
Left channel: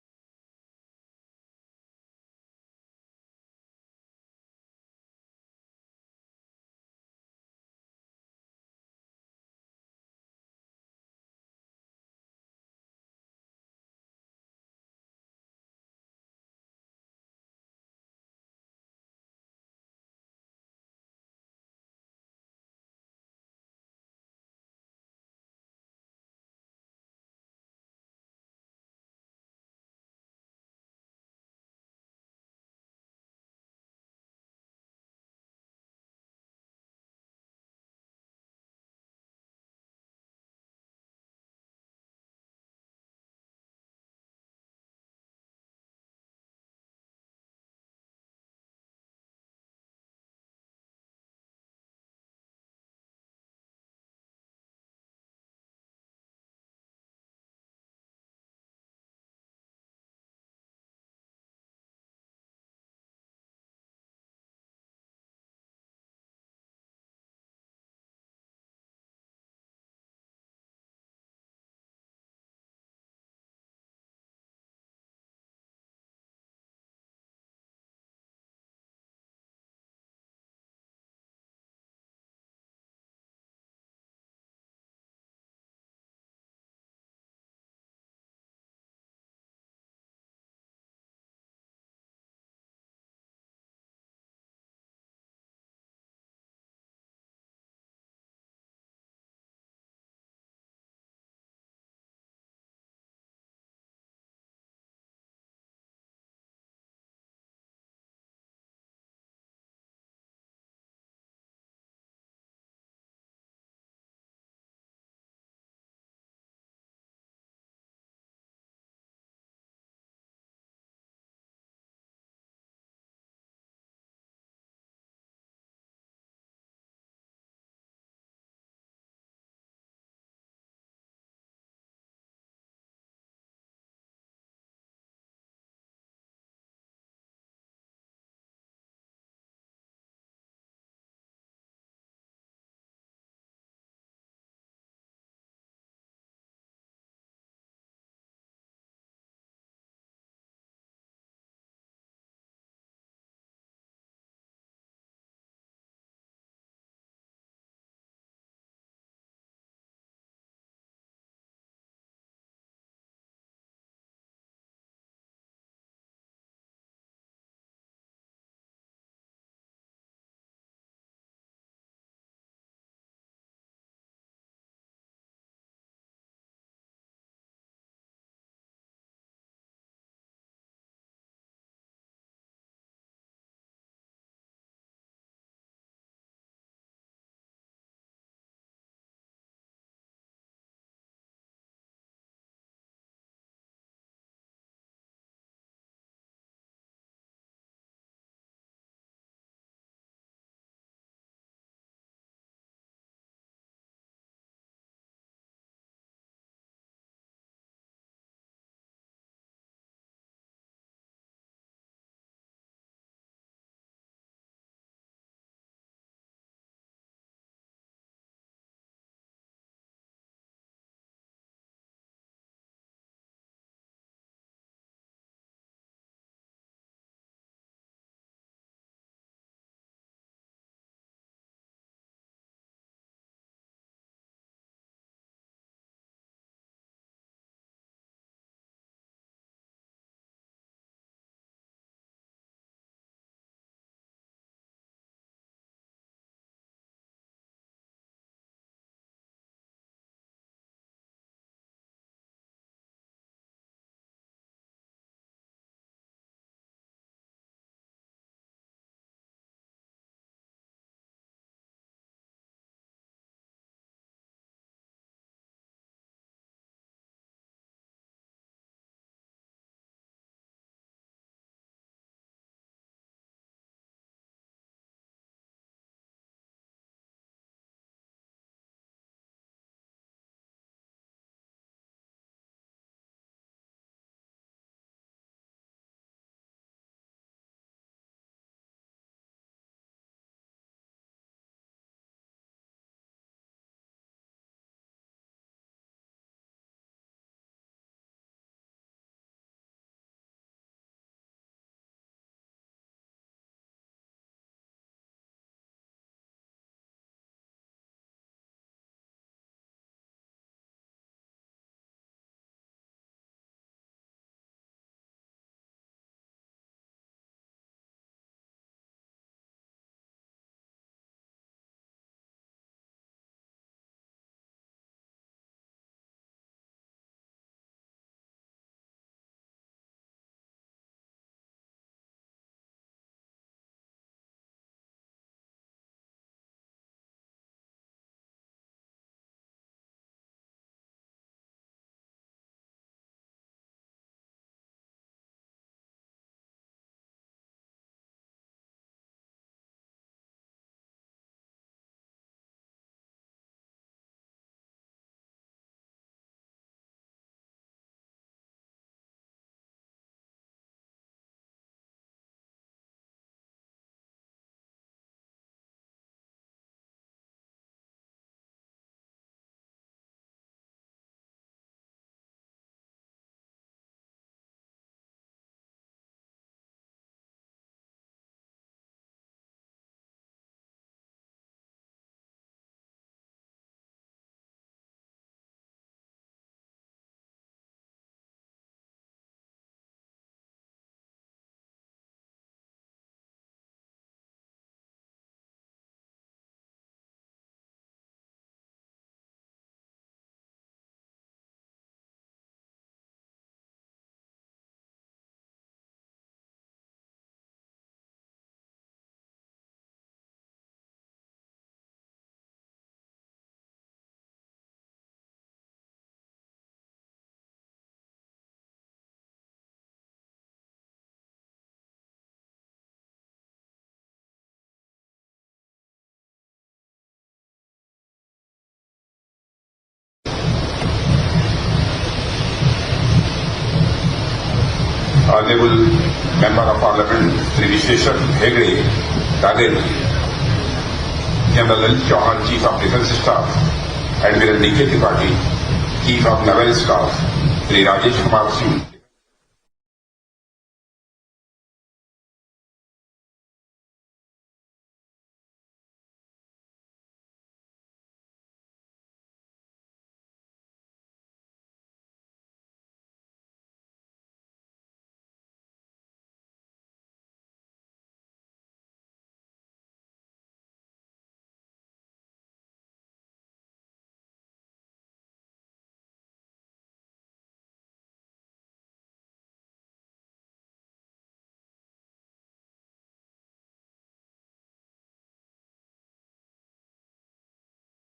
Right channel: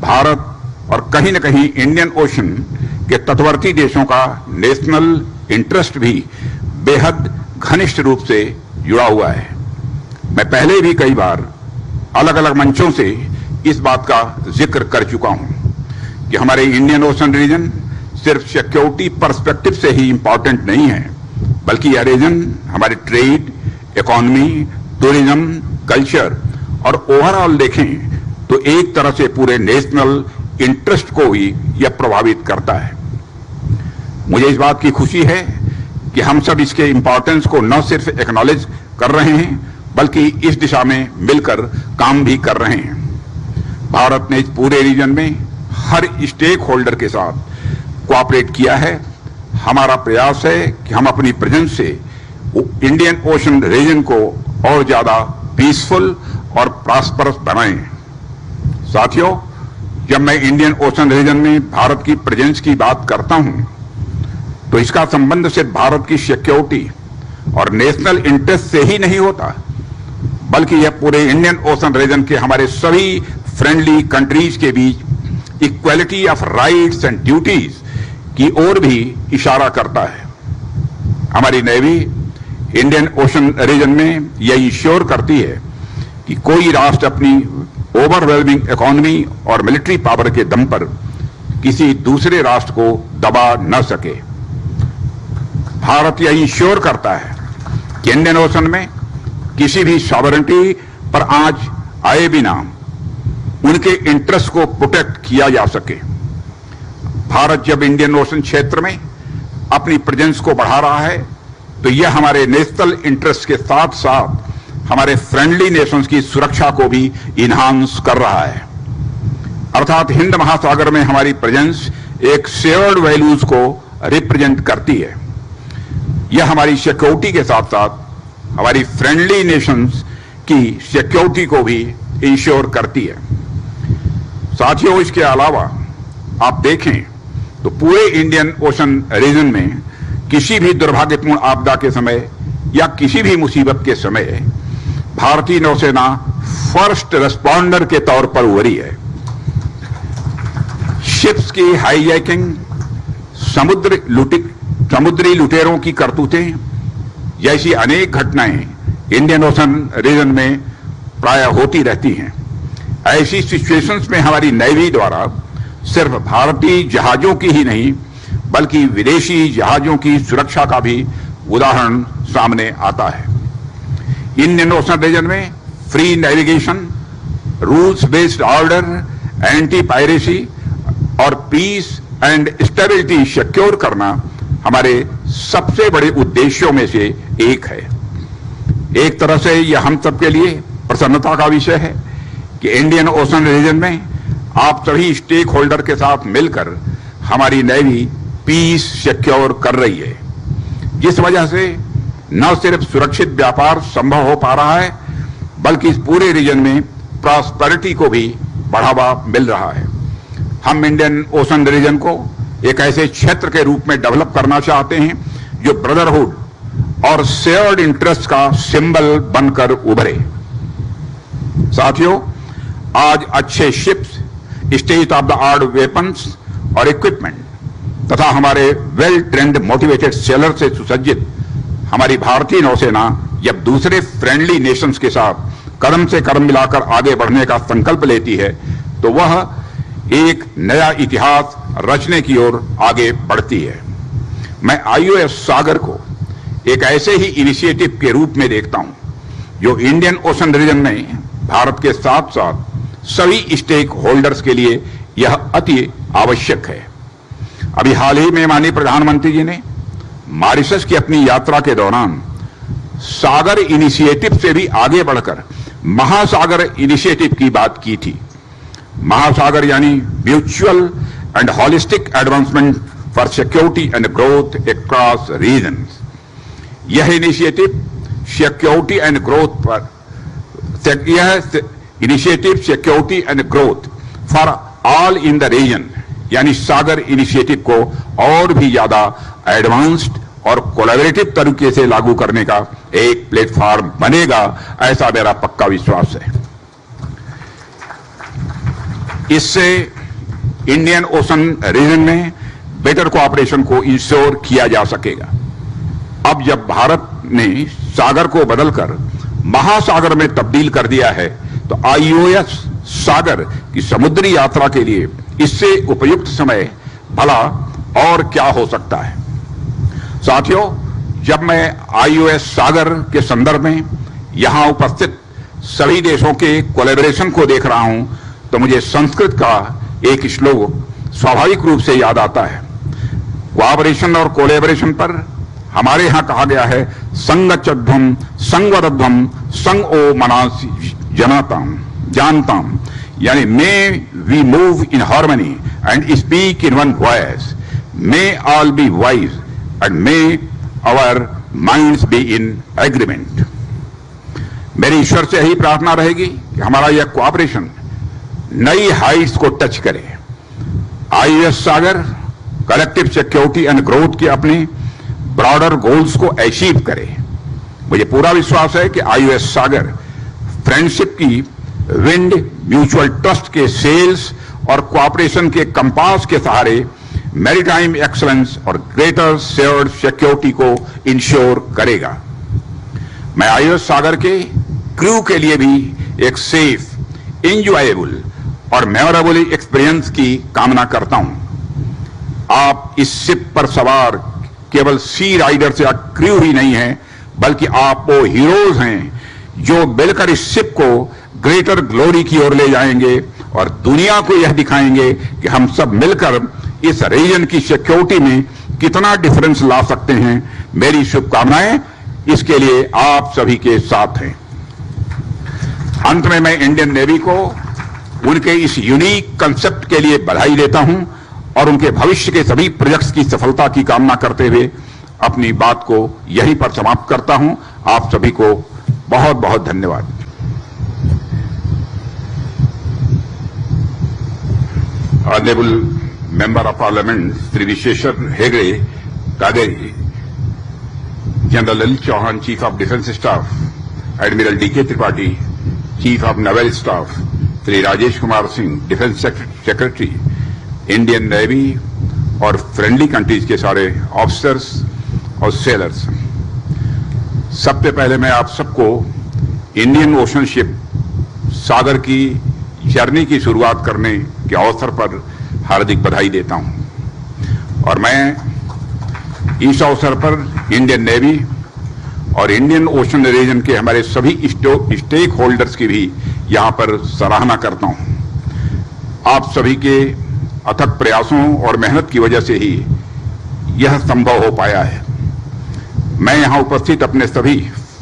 भारत और कहीं न कहीं इंडियन ओशन के तटवर्ती देशों का नेशनल इंटरेस्ट भी बेहद घनिष्ठ रूप से जुड़ा हुआ है। मैं पहले भी कई बार अलग अलग मंचों से इस बात का जिक्र कर चुका हूं कि हमारे इंडियन ओशन रीजन सिर्फ सिक्योरिटी पर्सपेक्टिव से ही इंपॉर्टेंट नहीं है, बल्कि यह रीजन हमारे ट्रेड, इकोनॉमी, टूरिज्म, कल्चर और ओवरऑल देखें तो एक तरह से पूरे नेशनल इंटरेस्ट को ही यह प्रभावित करता है। मुझे इस बात की खुशी है कि हम सब इसके इंपॉर्टेंस को न सिर्फ एक्नॉलेज कर रहे हैं बल्कि इस दिशा में मिलकर काम भी कर रहे हैं। भारत ने इस पूरे रीजन में हर स्टेक होल्डर के साथ कोऑपरेट किया है। हमारा प्रयास है कि हम अपनी प्रेजेंस से इंडियन ओशन रीजन को और ज्यादा पीसफुल और प्रॉस्परस बनाएं। साथियों, जब मैं इंडियन ओशन रीजन में भारत की प्रेजेंस की बात करता हूं, तो इसका संबंध सिर्फ भारत की सिक्योरिटी और नेशनल इंटरेस्ट से ही नहीं होता, बल्कि यह पूरे इंडियन ओशन रीजन के हमारे सभी फ्रेंडली कंट्रीज के बीच equality of rights and duties की ओर भी इशारा करता है। हमारी नेवी इंडियन ओशन रीजन में यह इंश्योर करती है कि कोई राष्ट्र अपनी ओवरवेलमिंग इकोनॉमी और मिलिट्री पावर के दम पर किसी दूसरे राष्ट्र को दबा न सके। भारत यह इंश्योर करता है कि इंडियन ओशन में किसी भी सॉवरेनिटी पर आंच आए बिना उनके इंटरेस्ट को प्रोटेक्ट किया जा सके। भारत जब इंडियन ओशन क्षेत्र में अपनी प्रेजेंस को बढ़ा रहा है, तो यह हमारे नेशनल इंटरेस्ट के साथ साथ हमारे फ्रेंडली नेशंस की सुरक्षा को भी इन्हांस कर रहा है। अर्थात हिंद महासागर में हमारी प्रेजेंस एक शेयर्ड वैल्यूज को रिप्रेजेंट करती है। यह हमारी सिक्योरिटी के साथ साथ हमारी फ्रेंडली नेशंस की सिक्योरिटी को भी इंश्योर करती है। साथियों, इसके अलावा आप देखें तो पूरे इंडियन ओशन रीजन में किसी भी दुर्भाग्यपूर्ण आपदा के समय या किसी भी मुसीबत के समय भारतीय नौसेना फर्स्ट रिस्पॉन्डर के तौर पर उभरी है। शिप्स की हाईजैकिंग, समुद्री लुटेरों की करतूतें जैसी अनेक घटनाएं इंडियन ओशन रीजन में प्राय होती रहती हैं। ऐसी सिचुएशंस में हमारी नेवी द्वारा सिर्फ भारतीय जहाजों की ही नहीं बल्कि विदेशी जहाजों की सुरक्षा का भी उदाहरण सामने आता है। इंडियन ओशन रीजन में free navigation, rules based order, anti piracy और पीस एंड स्टेबिलिटी सिक्योर करना हमारे सबसे बड़े उद्देश्यों में से एक है। एक तरह से यह हम सबके लिए प्रसन्नता का विषय है कि इंडियन ओशन रीजन में आप सभी स्टेक होल्डर के साथ मिलकर हमारी नेवी पीस सिक्योर कर रही है, जिस वजह से न सिर्फ सुरक्षित व्यापार संभव हो पा रहा है बल्कि इस पूरे रीजन में प्रॉस्पेरिटी को भी बढ़ावा मिल रहा है। हम इंडियन ओशन रीजन को एक ऐसे क्षेत्र के रूप में डेवलप करना चाहते हैं जो ब्रदरहुड और शेयर्ड इंटरेस्ट का सिंबल बनकर उभरे। साथियों, आज अच्छे ships, state of the art weapons और इक्विपमेंट तथा हमारे वेल ट्रेंड मोटिवेटेड सेलर से सुसज्जित हमारी भारतीय नौसेना जब दूसरे फ्रेंडली नेशंस के साथ कदम से कदम मिलाकर आगे बढ़ने का संकल्प लेती है तो वह एक नया इतिहास रचने की ओर आगे बढ़ती है। मैं आईओएस सागर को एक ऐसे ही इनिशिएटिव के रूप में देखता हूं जो इंडियन ओशन रीजन में भारत के साथ साथ सभी स्टेक होल्डर्स के लिए यह अति आवश्यक है। अभी हाल ही में माननीय प्रधानमंत्री जी ने मॉरिशस की अपनी यात्रा के दौरान सागर इनिशिएटिव से भी आगे बढ़कर महासागर इनिशिएटिव की बात की थी। महासागर यानी mutual and holistic advancement for security and growth across regions. यह इनिशिएटिव सिक्योरिटी एंड ग्रोथ पर security and growth for all in the region यानी सागर इनिशिएटिव को और भी ज्यादा एडवांस्ड और कोलैबोरेटिव तरीके से लागू करने का एक प्लेटफॉर्म बनेगा, ऐसा मेरा पक्का विश्वास है। इससे इंडियन ओशन रीजन में बेटर कोऑपरेशन को इंश्योर किया जा सकेगा। अब जब भारत ने सागर को बदलकर महासागर में तब्दील कर दिया है तो आईओएस सागर की समुद्री यात्रा के लिए इससे उपयुक्त समय भला और क्या हो सकता है। साथियों, जब मैं आईओएस सागर के संदर्भ में यहां उपस्थित सभी देशों के कोलैबोरेशन को देख रहा हूं तो मुझे संस्कृत का एक श्लोक स्वाभाविक रूप से याद आता है। कोऑपरेशन और कोलैबोरेशन पर हमारे यहां कहा गया है, संगच्छध्वम संगवदध्वम संग ओ मनास जनाताम जानताम, यानी may we move in harmony and speak in one voice, may all be wise and may our minds be in agreement. मेरी ईश्वर से यही प्रार्थना रहेगी कि हमारा यह कोऑपरेशन नई हाइट्स को टच करे। IOS Sagar collective security and growth के अपने ब्रॉडर गोल्स को अचीव करे। मुझे पूरा विश्वास है कि आईओएस सागर फ्रेंडशिप की विंड, म्यूचुअल ट्रस्ट के सेल्स और कोऑपरेशन के कंपास के सहारे मैरीटाइम एक्सलेंस और ग्रेटर शेयर्ड सिक्योरिटी को इंश्योर करेगा। मैं आईओएस सागर के क्रू के लिए भी एक सेफ, एंजॉयबल और मेमोरेबल एक्सपीरियंस की कामना करता हूं। आप इस शिप पर सवार केवल सी राइडर्स या क्रू ही नहीं हैं, बल्कि आप वो हीरोज हैं जो मिलकर इस शिप को ग्रेटर ग्लोरी की ओर ले जाएंगे और दुनिया को यह दिखाएंगे कि हम सब मिलकर इस रीजन की सिक्योरिटी में कितना डिफरेंस ला सकते हैं। मेरी शुभकामनाएं इसके लिए आप सभी के साथ हैं। अंत में मैं इंडियन नेवी को उनके इस यूनिक कंसेप्ट के लिए बधाई देता हूं और उनके भविष्य के सभी प्रोजेक्ट्स की सफलता की कामना करते हुए अपनी बात को यहीं पर समाप्त करता हूं। आप सभी को बहुत बहुत धन्यवाद। Honorable Member of Parliament Sri Visheshwar Hegde, Kaderi, General L. Chauhan, Chief of Defence Staff, Admiral D.K. Tripathi, Chief of Naval Staff, Sri Rajesh Kumar Singh, Defence Secretary, Indian Navy और फ्रेंडली कंट्रीज के सारे officers और sellers, सबसे पहले मैं आप सबको Indian ocean ship सागर की जर्नी की शुरुआत करने के अवसर पर हार्दिक बधाई देता हूं। और मैं इस अवसर पर इंडियन नेवी और इंडियन ओशन रीजन के हमारे सभी स्टेक होल्डर्स की भी यहां पर सराहना करता हूं। आप सभी के अथक प्रयासों और मेहनत की वजह से ही यह संभव हो पाया है। मैं यहां उपस्थित अपने सभी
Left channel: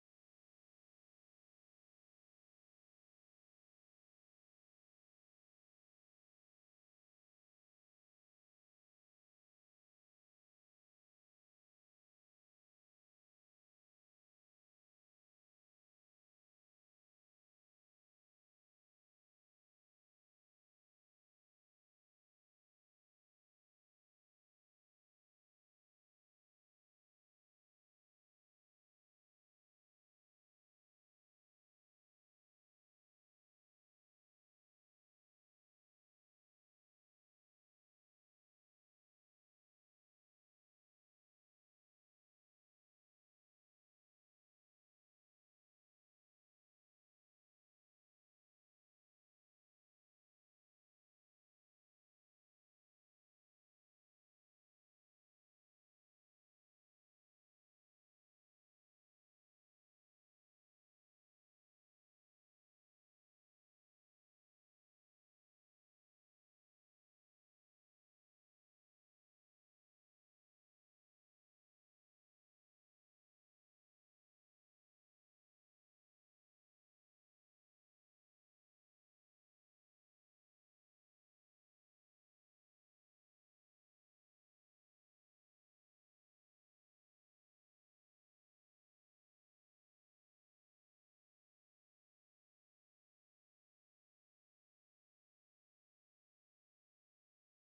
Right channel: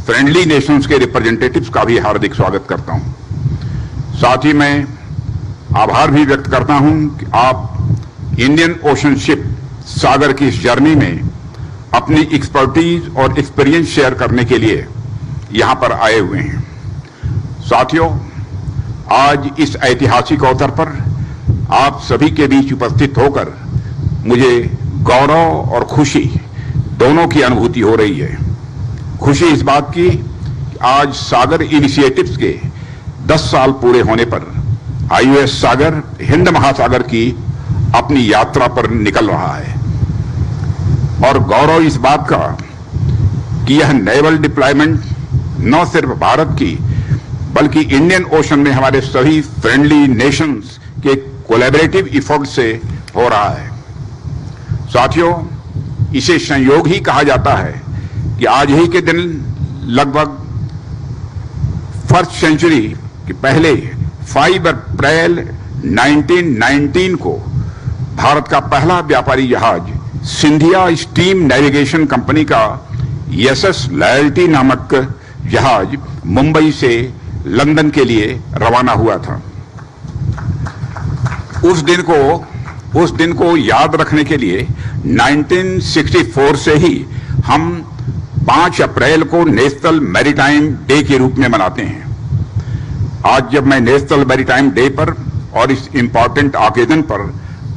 फ्रेंडली नेशंस के रिप्रेजेंटेटिव्स का भी हार्दिक स्वागत करता हूं। साथ ही मैं आभार भी व्यक्त करता हूं कि आप इंडियन ओशन शिप सागर की इस जर्नी में अपनी एक्सपर्टीज और एक्सपीरियंस शेयर करने के लिए यहां पर आए हुए हैं। साथियों, आज इस ऐतिहासिक अवसर पर आप सभी के बीच उपस्थित होकर मुझे गौरव और खुशी दोनों की अनुभूति हो रही है। खुशी इस बात की कि आज सागर इनिशिएटिव्स के 10 साल पूरे होने पर आईओएस सागर हिंद महासागर की अपनी यात्रा पर निकल रहा है, और गौरव इस बात का कि यह नेवल डिप्लॉयमेंट न सिर्फ भारत की बल्कि इंडियन ओशन में हमारे सभी फ्रेंडली नेशंस के कोलैबोरेटिव एफर्ट से हो रहा है। साथियों, इसे संयोग ही कहा जाता है कि आज ही के दिन लगभग फर्स्ट सेंचुरी के पहले 5 अप्रैल 1919 को भारत का पहला व्यापारी जहाज सिंधिया स्टीम नेविगेशन कंपनी का एसएस लॉयल्टी नामक जहाज मुंबई से लंदन के लिए रवाना हुआ था। उस दिन को याद रखने के लिए 1964 से ही हम 5 अप्रैल को नेशनल मैरीटाइम डे के रूप में मनाते हैं। आज जब मैं नेशनल मैरीटाइम डे पर और इस इंपॉर्टेंट ऑकेजन पर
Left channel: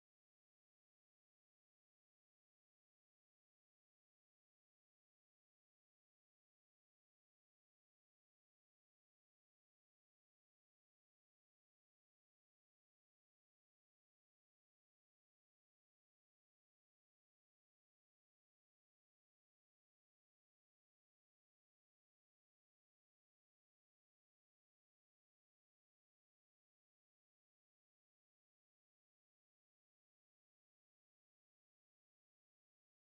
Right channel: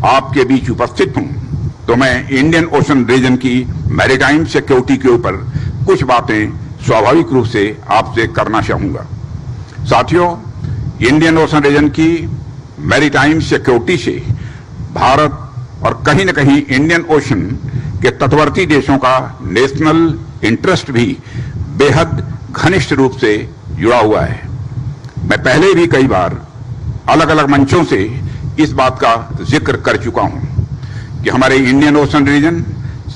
आपके बीच उपस्थित हूं, तो मैं इंडियन ओशन रीजन की मैरीटाइम सिक्योरिटी के ऊपर कुछ बातें स्वाभाविक रूप से आपसे करना चाहूंगा। साथियों, इंडियन ओशन रीजन की मैरीटाइम सिक्योरिटी से भारत और कहीं न कहीं इंडियन ओशन के तटवर्ती देशों का नेशनल इंटरेस्ट भी बेहद घनिष्ठ रूप से जुड़ा हुआ है। मैं पहले भी कई बार अलग अलग मंचों से इस बात का जिक्र कर चुका हूं कि हमारे इंडियन ओशन रीजन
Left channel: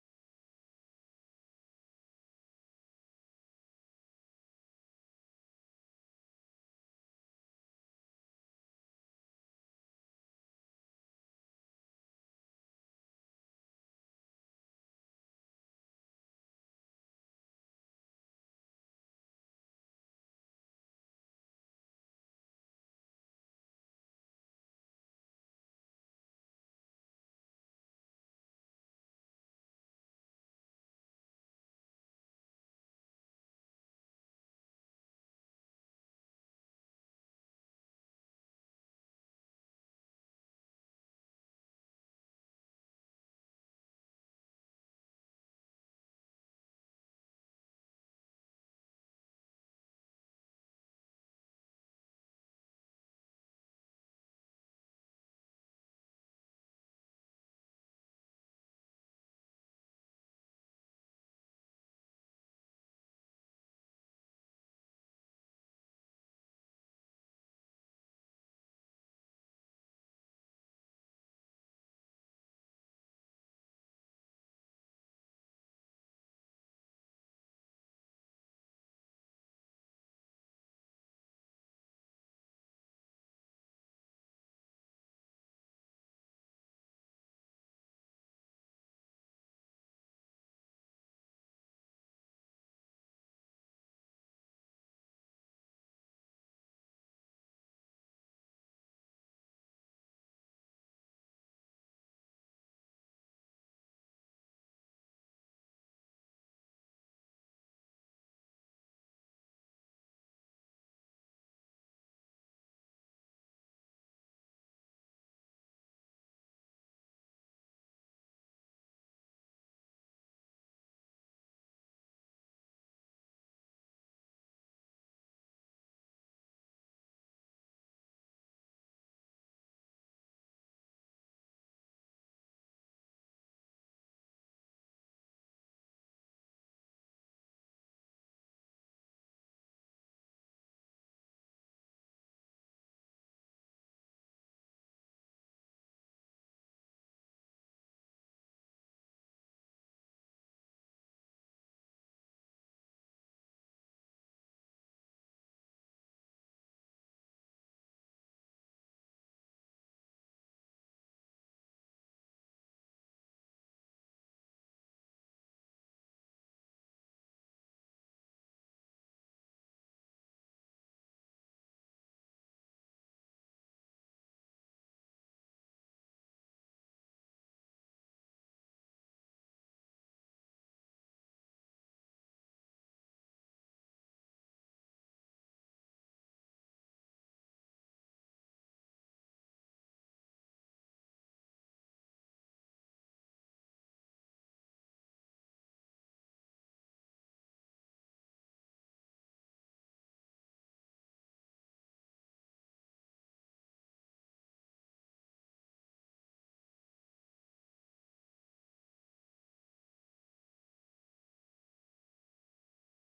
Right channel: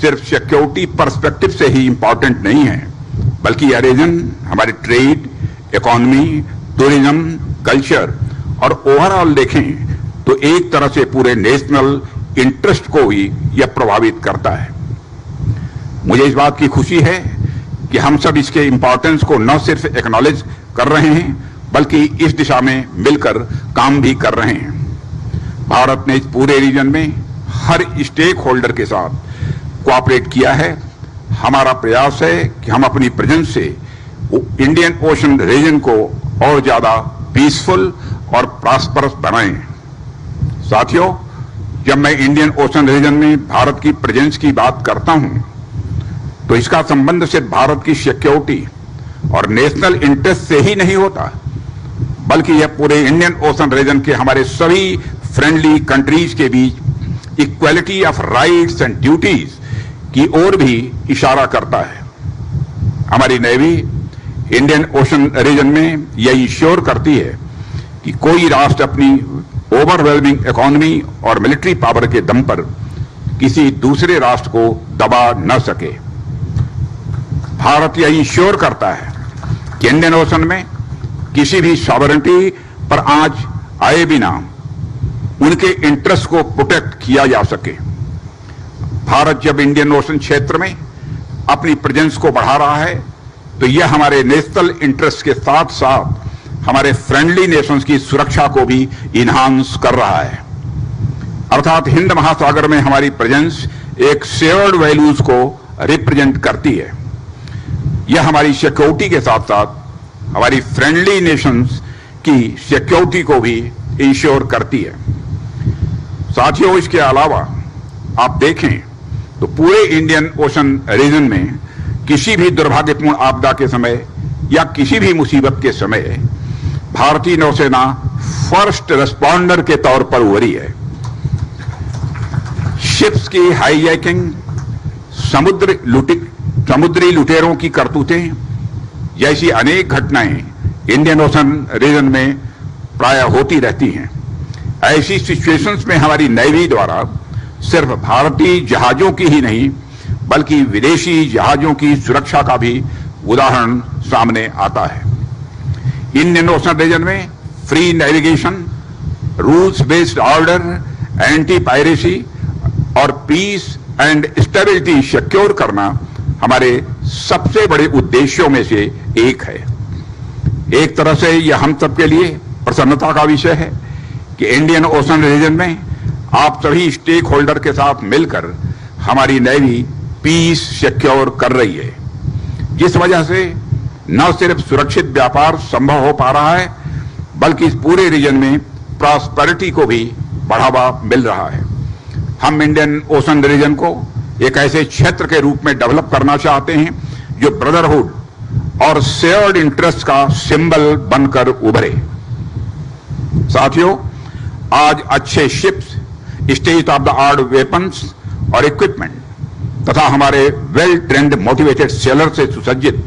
सिर्फ सिक्योरिटी पर्सपेक्टिव से ही इंपॉर्टेंट नहीं है, बल्कि यह रीजन हमारे ट्रेड, इकोनॉमी, टूरिज्म, कल्चर और ओवरऑल देखें तो एक तरह से पूरे नेशनल इंटरेस्ट को ही यह प्रभावित करता है। मुझे इस बात की खुशी है कि हम सब इसके इंपॉर्टेंस को न सिर्फ एक्नॉलेज कर रहे हैं बल्कि इस दिशा में मिलकर काम भी कर रहे हैं। भारत ने इस पूरे रीजन में हर स्टेक होल्डर के साथ कोऑपरेट किया है। हमारा प्रयास है कि हम अपनी प्रेजेंस से इंडियन ओशन रीजन को और ज्यादा पीसफुल और प्रॉस्परस बनाएं। साथियों, जब मैं इंडियन ओशन रीजन में भारत की प्रेजेंस की बात करता हूं, तो इसका संबंध सिर्फ भारत की सिक्योरिटी और नेशनल इंटरेस्ट से ही नहीं होता, बल्कि यह पूरे इंडियन ओशन रीजन के हमारे सभी फ्रेंडली कंट्रीज के बीच equality of rights and duties की ओर भी इशारा करता है। हमारी नेवी इंडियन ओशन रीजन में यह इंश्योर करती है कि कोई राष्ट्र अपनी ओवरवेलमिंग इकोनॉमी और मिलिट्री पावर के दम पर किसी दूसरे राष्ट्र को दबा न सके। भारत यह इंश्योर करता है कि इंडियन ओशन में किसी भी सॉवरेनिटी पर आंच आए बिना उनके इंटरेस्ट को प्रोटेक्ट किया जा सके। भारत जब इंडियन ओशन क्षेत्र में अपनी प्रेजेंस को बढ़ा रहा है, तो यह हमारे नेशनल इंटरेस्ट के साथ साथ हमारे फ्रेंडली नेशंस की सुरक्षा को भी इन्हांस कर रहा है। अर्थात हिंद महासागर में हमारी प्रेजेंस एक शेयर्ड वैल्यूज को रिप्रेजेंट करती है। यह हमारी सिक्योरिटी के साथ साथ हमारी फ्रेंडली नेशंस की सिक्योरिटी को भी इंश्योर करती है। साथियों, इसके अलावा आप देखें तो पूरे इंडियन ओशन रीजन में किसी भी दुर्भाग्यपूर्ण आपदा के समय या किसी भी मुसीबत के समय भारतीय नौसेना फर्स्ट रिस्पॉन्डर के तौर पर उभरी है। शिप्स की हाईजैकिंग, समुद्री लुटेरों की करतूतें जैसी अनेक घटनाएं इंडियन ओशन रीजन में प्राय होती रहती हैं। ऐसी सिचुएशंस में हमारी नेवी द्वारा सिर्फ भारतीय जहाजों की ही नहीं बल्कि विदेशी जहाजों की सुरक्षा का भी उदाहरण सामने आता है। इंडियन ओशन रीजन में free navigation, rules based order, anti piracy और पीस एंड स्टेबिलिटी सिक्योर करना हमारे सबसे बड़े उद्देश्यों में से एक है। एक तरह से यह हम सबके लिए प्रसन्नता का विषय है कि इंडियन ओशन रीजन में आप सभी स्टेक होल्डर के साथ मिलकर हमारी नेवी पीस सिक्योर कर रही है, जिस वजह से न सिर्फ सुरक्षित व्यापार संभव हो पा रहा है बल्कि इस पूरे रीजन में प्रॉस्पेरिटी को भी बढ़ावा मिल रहा है। हम इंडियन ओशन रीजन को एक ऐसे क्षेत्र के रूप में डेवलप करना चाहते हैं जो ब्रदरहुड और शेयर्ड इंटरेस्ट का सिंबल बनकर उभरे। साथियों, आज अच्छे ships, state of the art weapons और इक्विपमेंट तथा हमारे वेल ट्रेंड मोटिवेटेड सेलर से सुसज्जित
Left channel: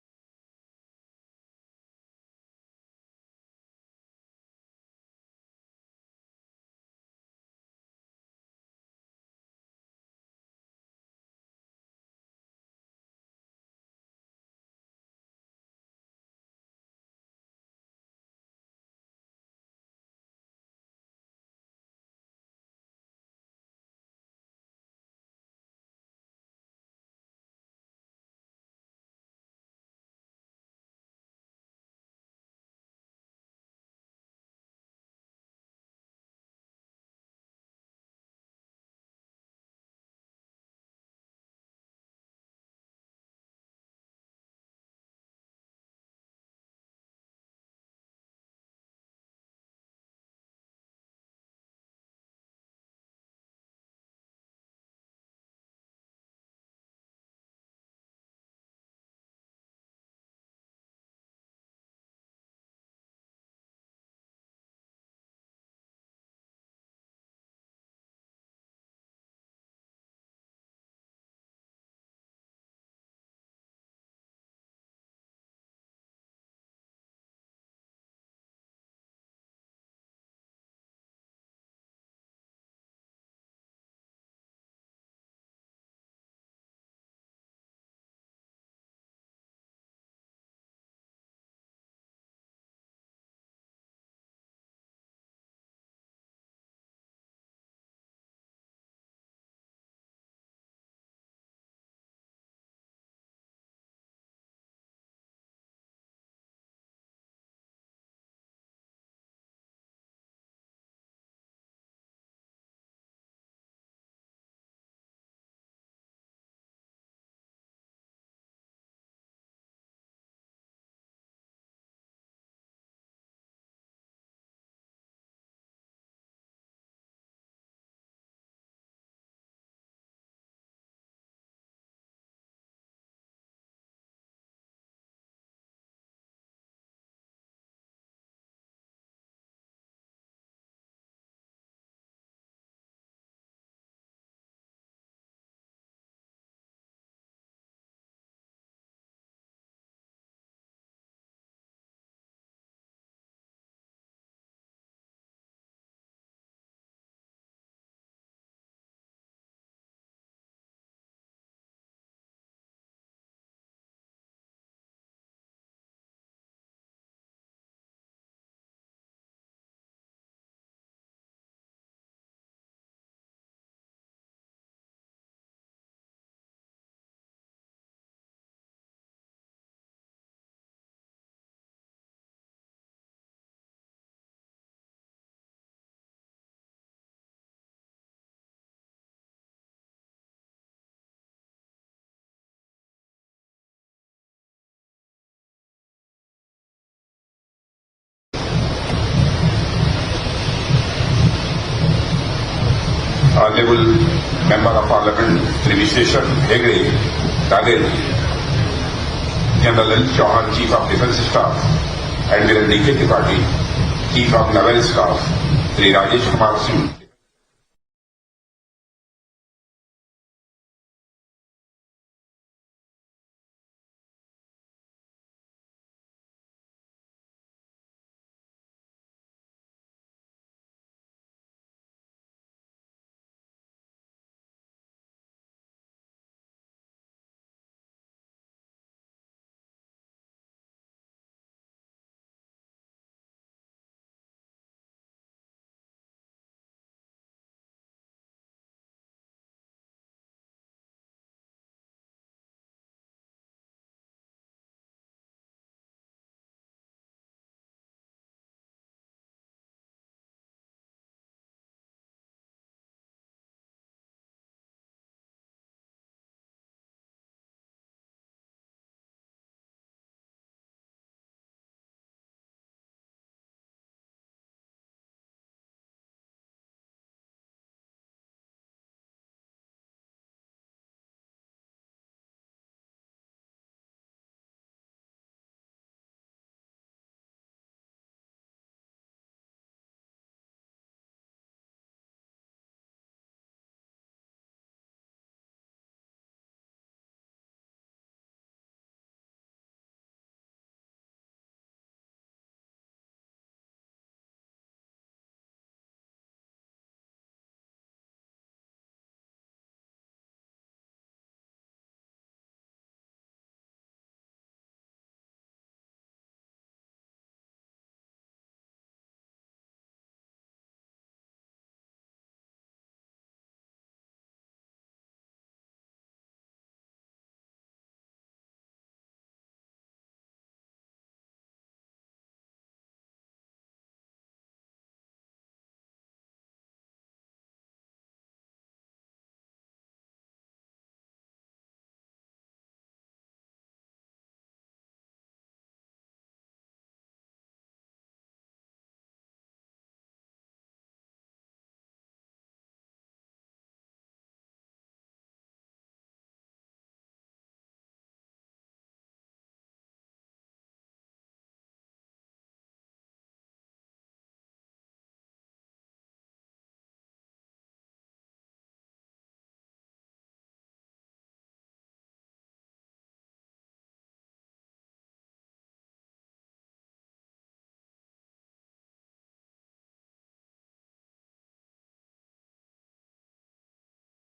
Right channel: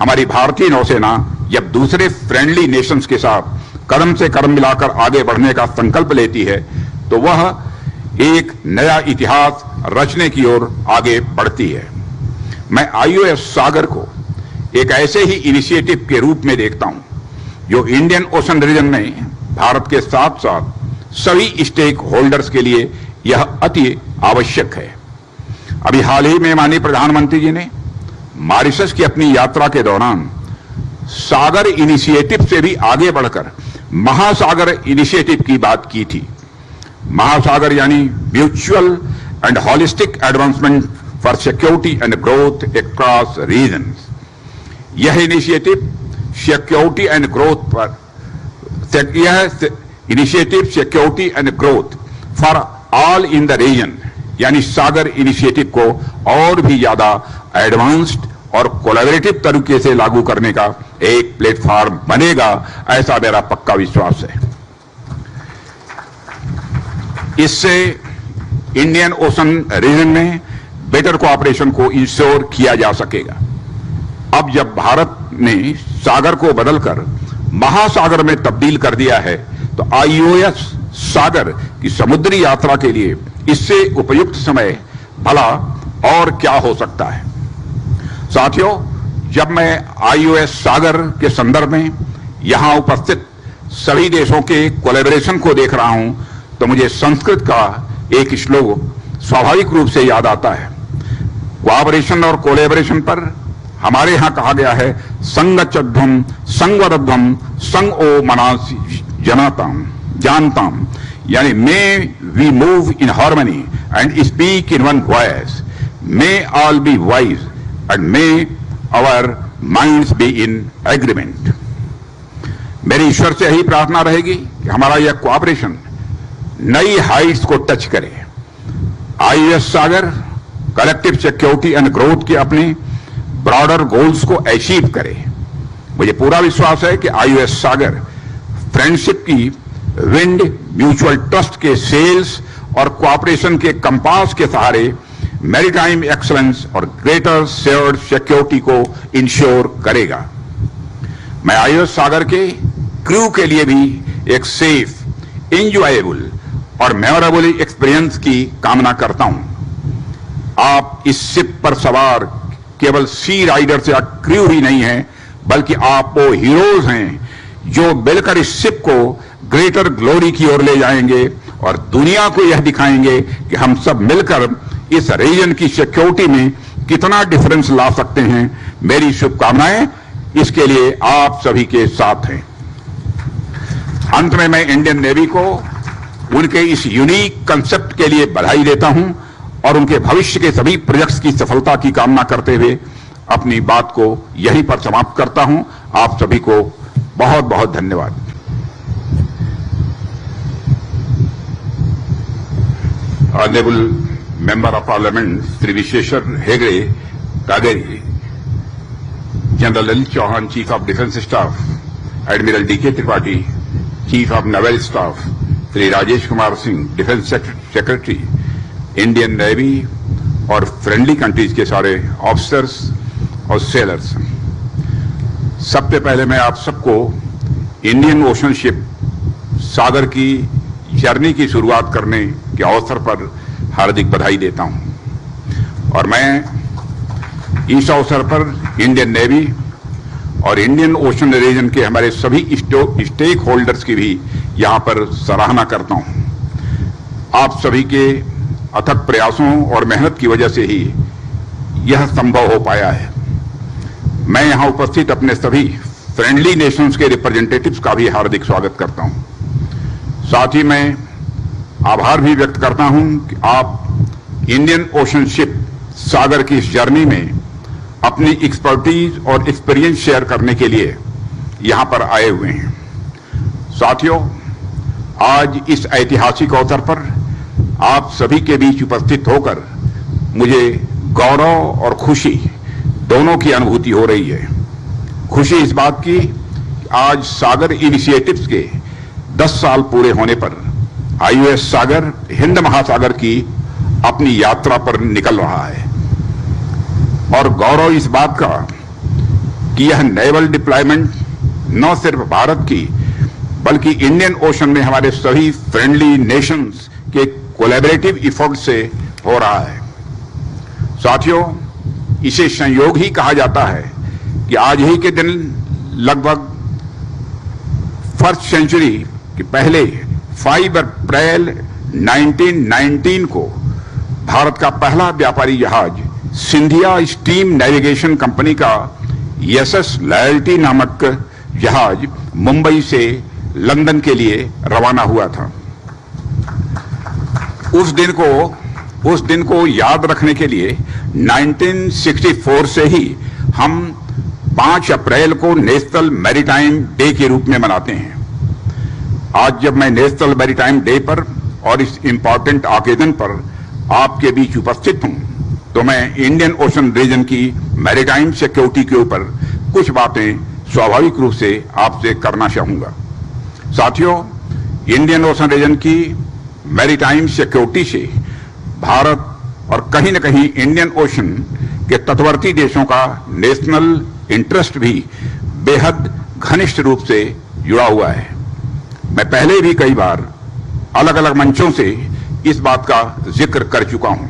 हमारी भारतीय नौसेना जब दूसरे फ्रेंडली नेशंस के साथ कदम से कदम मिलाकर आगे बढ़ने का संकल्प लेती है तो वह एक नया इतिहास रचने की ओर आगे बढ़ती है। मैं आईओएस सागर को एक ऐसे ही इनिशिएटिव के रूप में देखता हूं जो इंडियन ओशन रीजन में भारत के साथ साथ सभी स्टेक होल्डर्स के लिए यह अति आवश्यक है। अभी हाल ही में माननीय प्रधानमंत्री जी ने मॉरिशस की अपनी यात्रा के दौरान सागर इनिशिएटिव से भी आगे बढ़कर महासागर इनिशिएटिव की बात की थी। महासागर यानी mutual and holistic advancement for security and growth across regions. यह initiative security and growth for all in the region यानी सागर इनिशिएटिव को और भी ज्यादा एडवांस्ड और कोलैबोरेटिव तरीके से लागू करने का एक प्लेटफॉर्म बनेगा, ऐसा मेरा पक्का विश्वास है। इससे इंडियन ओशन रीजन में बेटर कोऑपरेशन को इंश्योर किया जा सकेगा। अब जब भारत ने सागर को बदलकर महासागर में तब्दील कर दिया है तो आईओएस सागर की समुद्री यात्रा के लिए इससे उपयुक्त समय भला और क्या हो सकता है। साथियों, जब मैं आईओएस सागर के संदर्भ में यहां उपस्थित सभी देशों के कोलैबोरेशन को देख रहा हूं तो मुझे संस्कृत का एक श्लोक स्वाभाविक रूप से याद आता है। कोऑपरेशन और कोलैबोरेशन पर हमारे यहां कहा गया है, संगच्छध्वम संगवदध्वम संग ओ मनासि जनाताम जानताम, यानी may we move in harmony and speak in one voice, may all be wise and may our minds be in agreement. मेरी ईश्वर से यही प्रार्थना रहेगी कि हमारा यह कोऑपरेशन नई हाइट्स को टच करे। IOS Sagar collective security and growth के अपने ब्रॉडर गोल्स को अचीव करे। मुझे पूरा विश्वास है कि आईओएस सागर फ्रेंडशिप की विंड, म्यूचुअल ट्रस्ट के सेल्स और कोऑपरेशन के कंपास के सहारे मैरीटाइम एक्सलेंस और ग्रेटर शेयर्ड सिक्योरिटी को इंश्योर करेगा। मैं आईओएस सागर के क्रू के लिए भी एक सेफ, एंजॉयबल और मेमोरेबल एक्सपीरियंस की कामना करता हूं। आप इस शिप पर सवार केवल सी राइडर्स या क्रू ही नहीं हैं, बल्कि आप वो हीरोज हैं जो मिलकर इस शिप को ग्रेटर ग्लोरी की ओर ले जाएंगे और दुनिया को यह दिखाएंगे कि हम सब मिलकर इस रीजन की सिक्योरिटी में कितना डिफरेंस ला सकते हैं। मेरी शुभकामनाएं इसके लिए आप सभी के साथ हैं। अंत में मैं इंडियन नेवी को उनके इस यूनिक कंसेप्ट के लिए बधाई देता हूं और उनके भविष्य के सभी प्रोजेक्ट्स की सफलता की कामना करते हुए अपनी बात को यहीं पर समाप्त करता हूं। आप सभी को बहुत बहुत धन्यवाद। Honorable Member of Parliament Sri Visheshwar Hegde, Kageri, General Anil Chauhan, Chief of Defence Staff, Admiral D.K. Tripathi, Chief of Naval Staff, Sri Rajesh Kumar Singh, Defence Secretary, Indian Navy और फ्रेंडली कंट्रीज के सारे officers और sellers, सबसे पहले मैं आप सबको Indian ocean ship सागर की जर्नी की शुरुआत करने के अवसर पर हार्दिक बधाई देता हूं। और मैं इस अवसर पर इंडियन नेवी और इंडियन ओशन रीजन के हमारे सभी स्टेक होल्डर्स की भी यहां पर सराहना करता हूं। आप सभी के अथक प्रयासों और मेहनत की वजह से ही यह संभव हो पाया है। मैं यहां उपस्थित अपने सभी फ्रेंडली नेशंस के रिप्रेजेंटेटिव्स का भी हार्दिक स्वागत करता हूं। साथ ही मैं आभार भी व्यक्त करता हूं कि आप इंडियन ओशन शिप सागर की इस जर्नी में अपनी एक्सपर्टीज और एक्सपीरियंस शेयर करने के लिए यहां पर आए हुए हैं। साथियों, आज इस ऐतिहासिक अवसर पर आप सभी के बीच उपस्थित होकर मुझे गौरव और खुशी दोनों की अनुभूति हो रही है। खुशी इस बात की आज सागर इनिशिएटिव्स के 10 साल पूरे होने पर IOS सागर हिंद महासागर की अपनी यात्रा पर निकल रहा है, और गौरव इस बात का कि यह नेवल डिप्लॉयमेंट न सिर्फ भारत की बल्कि इंडियन ओशन में हमारे सभी फ्रेंडली नेशंस के कोलैबोरेटिव एफर्ट से हो रहा है। साथियों, इसे संयोग ही कहा जाता है कि आज ही के दिन लगभग फर्स्ट सेंचुरी के पहले 5 अप्रैल 1919 को भारत का पहला व्यापारी जहाज सिंधिया स्टीम नेविगेशन कंपनी का SS लॉयल्टी नामक जहाज मुंबई से लंदन के लिए रवाना हुआ था। उस दिन को याद रखने के लिए 1964 से ही हम 5 अप्रैल को नेशनल मैरीटाइम डे के रूप में मनाते हैं। आज जब मैं नेशनल मैरीटाइम डे पर और इस इंपॉर्टेंट ओकेजन पर आपके बीच उपस्थित हूं, तो मैं इंडियन ओशन रीजन की मैरीटाइम सिक्योरिटी के ऊपर कुछ बातें स्वाभाविक रूप से आपसे करना चाहूंगा। साथियों, इंडियन ओशन रीजन की मैरीटाइम सिक्योरिटी से भारत और कहीं न कहीं इंडियन ओशन के तटवर्ती देशों का नेशनल इंटरेस्ट भी बेहद घनिष्ठ रूप से जुड़ा हुआ है। मैं पहले भी कई बार अलग अलग मंचों से इस बात का जिक्र कर चुका हूं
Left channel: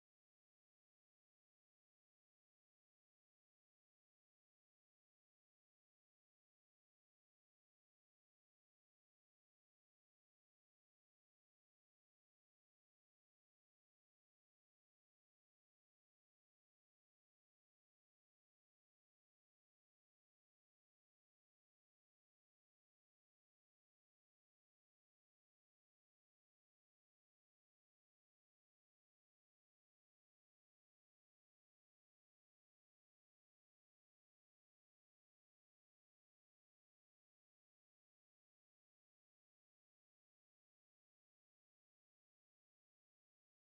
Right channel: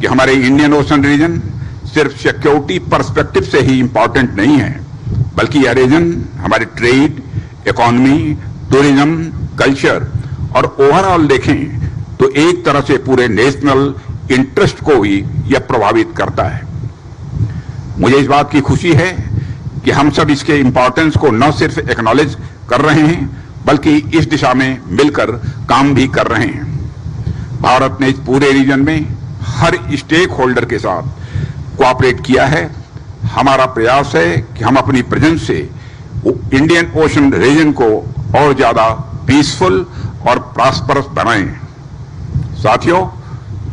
कि हमारे इंडियन ओशन रीजन सिर्फ सिक्योरिटी पर्सपेक्टिव से ही इंपॉर्टेंट नहीं है, बल्कि यह रीजन हमारे ट्रेड, इकोनॉमी, टूरिज्म, कल्चर और ओवरऑल देखें तो एक तरह से पूरे नेशनल इंटरेस्ट को भी यह प्रभावित करता है। मुझे इस बात की खुशी है कि हम सब इसके इंपॉर्टेंस को न सिर्फ एक्नॉलेज कर रहे हैं बल्कि इस दिशा में मिलकर काम भी कर रहे हैं। भारत ने इस पूरे रीजन में हर स्टेक होल्डर के साथ कोऑपरेट किया है। हमारा प्रयास है कि हम अपनी प्रेजेंस से इंडियन ओशन रीजन को और ज्यादा पीसफुल और प्रॉस्परस बनाएं। साथियों,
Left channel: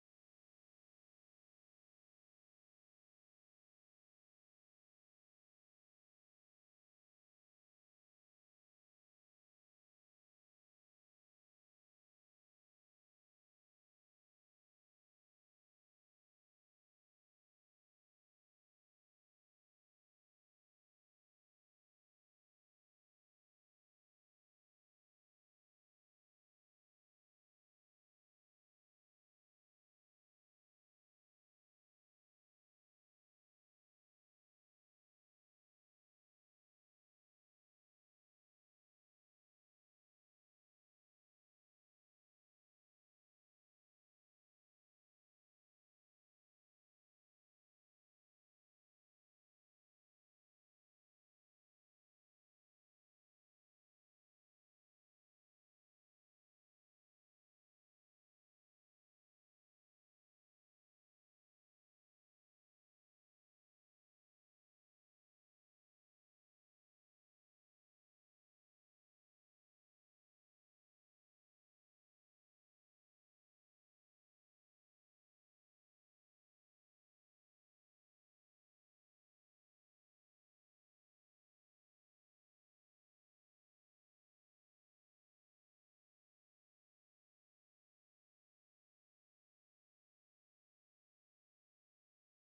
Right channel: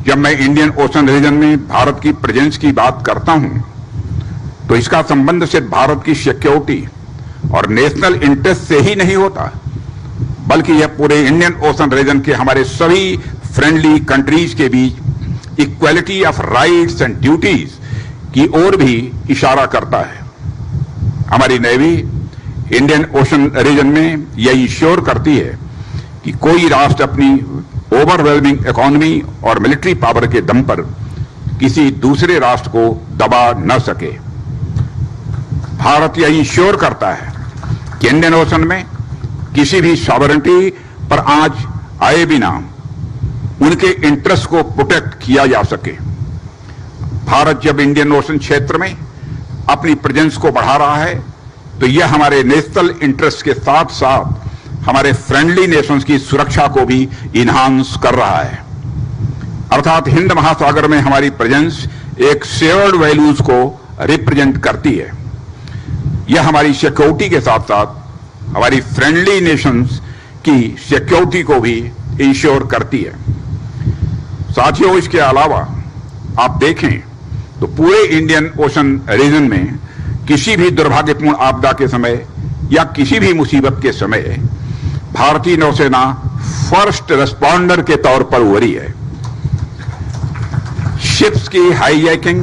जब मैं इंडियन ओशन रीजन में भारत की प्रेजेंस की बात करता हूं, तो इसका संबंध सिर्फ भारत की सिक्योरिटी और नेशनल इंटरेस्ट से ही नहीं होता, बल्कि यह पूरे इंडियन ओशन रीजन के हमारे सभी फ्रेंडली कंट्रीज के बीच equality of rights and duties की ओर भी इशारा करता है। हमारी नेवी इंडियन ओशन रीजन में यह इंश्योर करती है कि कोई राष्ट्र अपनी ओवरवेलमिंग इकोनॉमी और मिलिट्री पावर के दम पर किसी दूसरे राष्ट्र को दबा न सके। भारत यह इंश्योर करता है कि इंडियन ओशन में किसी भी सॉवरेनिटी पर आंच आए बिना उनके इंटरेस्ट को प्रोटेक्ट किया जा सके। भारत जब इंडियन ओशन क्षेत्र में अपनी प्रेजेंस को बढ़ा रहा है, तो यह हमारे नेशनल इंटरेस्ट के साथ साथ हमारे फ्रेंडली नेशंस की सुरक्षा को भी इन्हांस कर रहा है। अर्थात हिंद महासागर में हमारी प्रेजेंस एक शेयर्ड वैल्यूज को रिप्रेजेंट करती है। यह हमारी सिक्योरिटी के साथ साथ हमारी फ्रेंडली नेशंस की सिक्योरिटी को भी इंश्योर करती है। साथियों, इसके अलावा आप देखें तो पूरे इंडियन ओशन रीजन में किसी भी दुर्भाग्यपूर्ण आपदा के समय या किसी भी मुसीबत के समय भारतीय नौसेना फर्स्ट रेस्पॉन्डर के तौर पर उभरी है। शिप्स की हाईजैकिंग,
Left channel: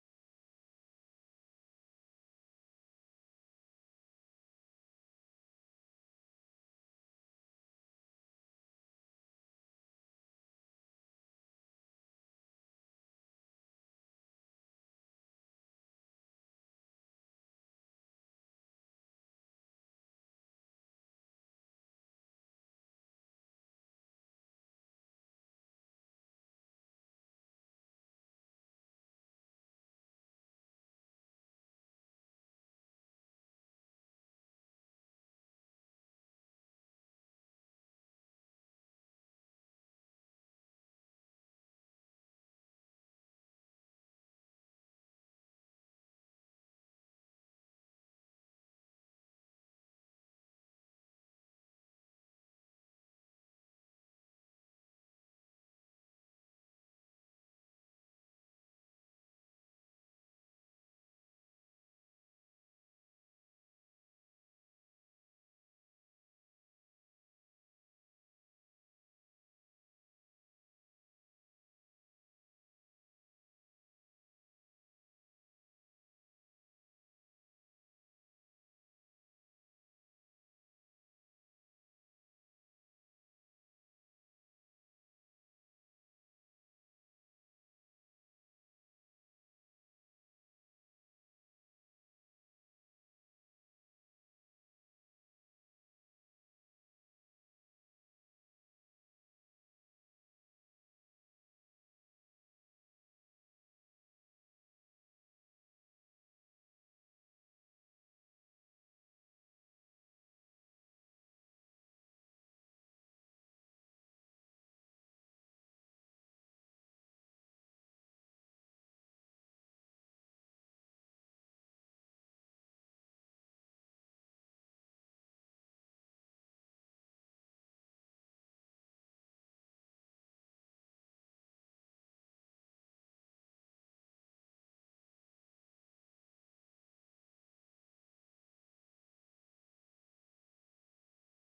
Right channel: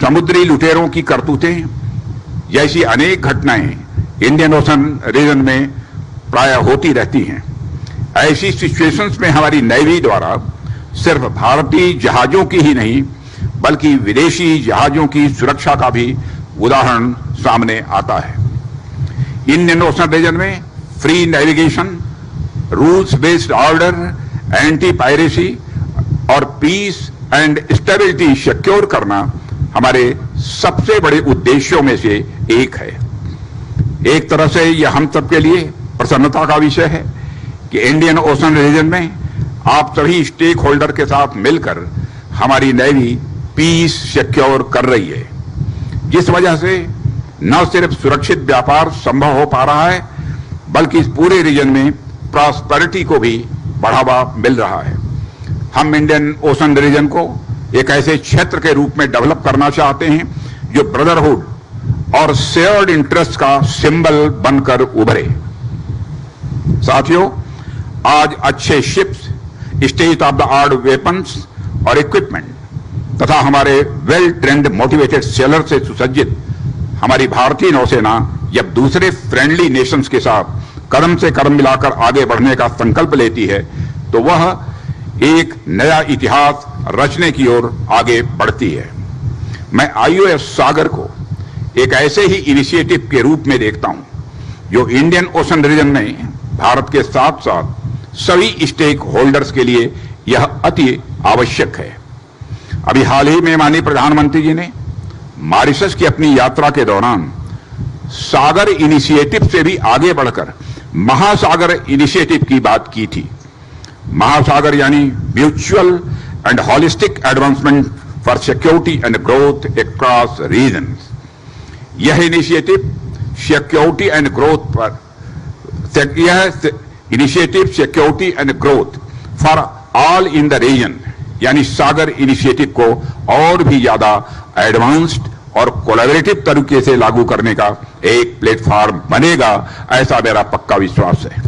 समुद्री लुटेरों की करतूतें जैसी अनेक घटनाएं इंडियन ओशन रीजन में प्रायः होती रहती हैं। ऐसी सिचुएशंस में हमारी नेवी द्वारा सिर्फ भारतीय जहाजों की ही नहीं बल्कि विदेशी जहाजों की सुरक्षा का भी उदाहरण सामने आता है। इंडियन ओशन रीजन में free navigation, rules based order, anti piracy और पीस एंड स्टेबिलिटी सिक्योर करना हमारे सबसे बड़े उद्देश्यों में से एक है। एक तरह से यह हम सबके लिए प्रसन्नता का विषय है कि इंडियन ओशन रीजन में आप सभी स्टेक होल्डर के साथ मिलकर हमारी नेवी पीस सिक्योर कर रही है, जिस वजह से न सिर्फ सुरक्षित व्यापार संभव हो पा रहा है बल्कि इस पूरे रीजन में प्रॉस्पेरिटी को भी बढ़ावा मिल रहा है। हम इंडियन ओशन रीजन को एक ऐसे क्षेत्र के रूप में डेवलप करना चाहते हैं जो ब्रदरहुड और शेयर्ड इंटरेस्ट का सिंबल बनकर उभरे। साथियों, आज अच्छे ships, state of the art weapons और इक्विपमेंट तथा हमारे वेल ट्रेंड मोटिवेटेड सेलर से सुसज्जित हमारी भारतीय नौसेना जब दूसरे फ्रेंडली नेशंस के साथ कदम से कदम मिलाकर आगे बढ़ने का संकल्प लेती है तो वह एक नया इतिहास रचने की ओर आगे बढ़ती है। मैं आईओएस सागर को एक ऐसे ही इनिशिएटिव के रूप में देखता हूं जो इंडियन ओशन रीजन में भारत के साथ साथ सभी स्टेक होल्डर्स के लिए यह अति आवश्यक है। अभी हाल ही में माननीय प्रधानमंत्री जी ने मॉरिशस की अपनी यात्रा के दौरान सागर इनिशिएटिव से भी आगे बढ़कर महासागर इनिशिएटिव की बात की थी। महासागर यानी mutual and holistic advancement for security and growth across regions. यह इनिशिएटिव सिक्योरिटी एंड ग्रोथ पर security and growth for all in the region यानी सागर इनिशिएटिव को और भी ज्यादा एडवांस्ड और कोलैबोरेटिव तरीके से लागू करने का एक प्लेटफॉर्म बनेगा, ऐसा मेरा पक्का विश्वास है।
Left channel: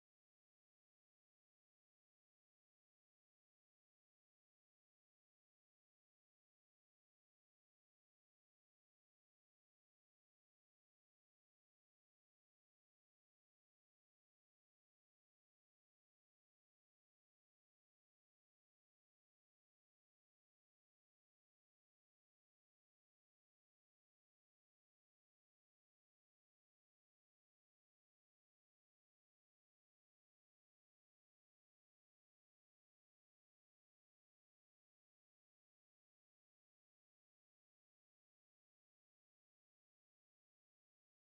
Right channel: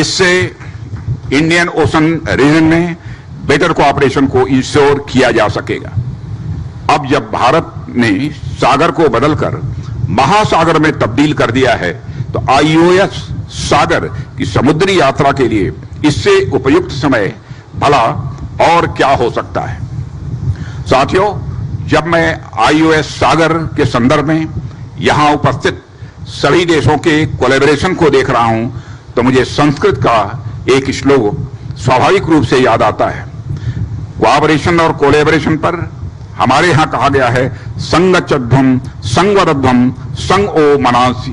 इससे इंडियन ओशन रीजन में बेटर कोऑपरेशन को इंश्योर किया जा सकेगा। अब जब भारत ने सागर को बदलकर महासागर में तब्दील कर दिया है तो आईओएस सागर की समुद्री यात्रा के लिए इससे उपयुक्त समय भला और क्या हो सकता है। साथियों, जब मैं आईओएस सागर के संदर्भ में यहां उपस्थित सभी देशों के कोलैबोरेशन को देख रहा हूं तो मुझे संस्कृत का एक श्लोक स्वाभाविक रूप से याद आता है। कोऑपरेशन और कोलैबोरेशन पर हमारे यहां कहा गया है, संगच्चध्वम संगवरध्वम संग ओ मनास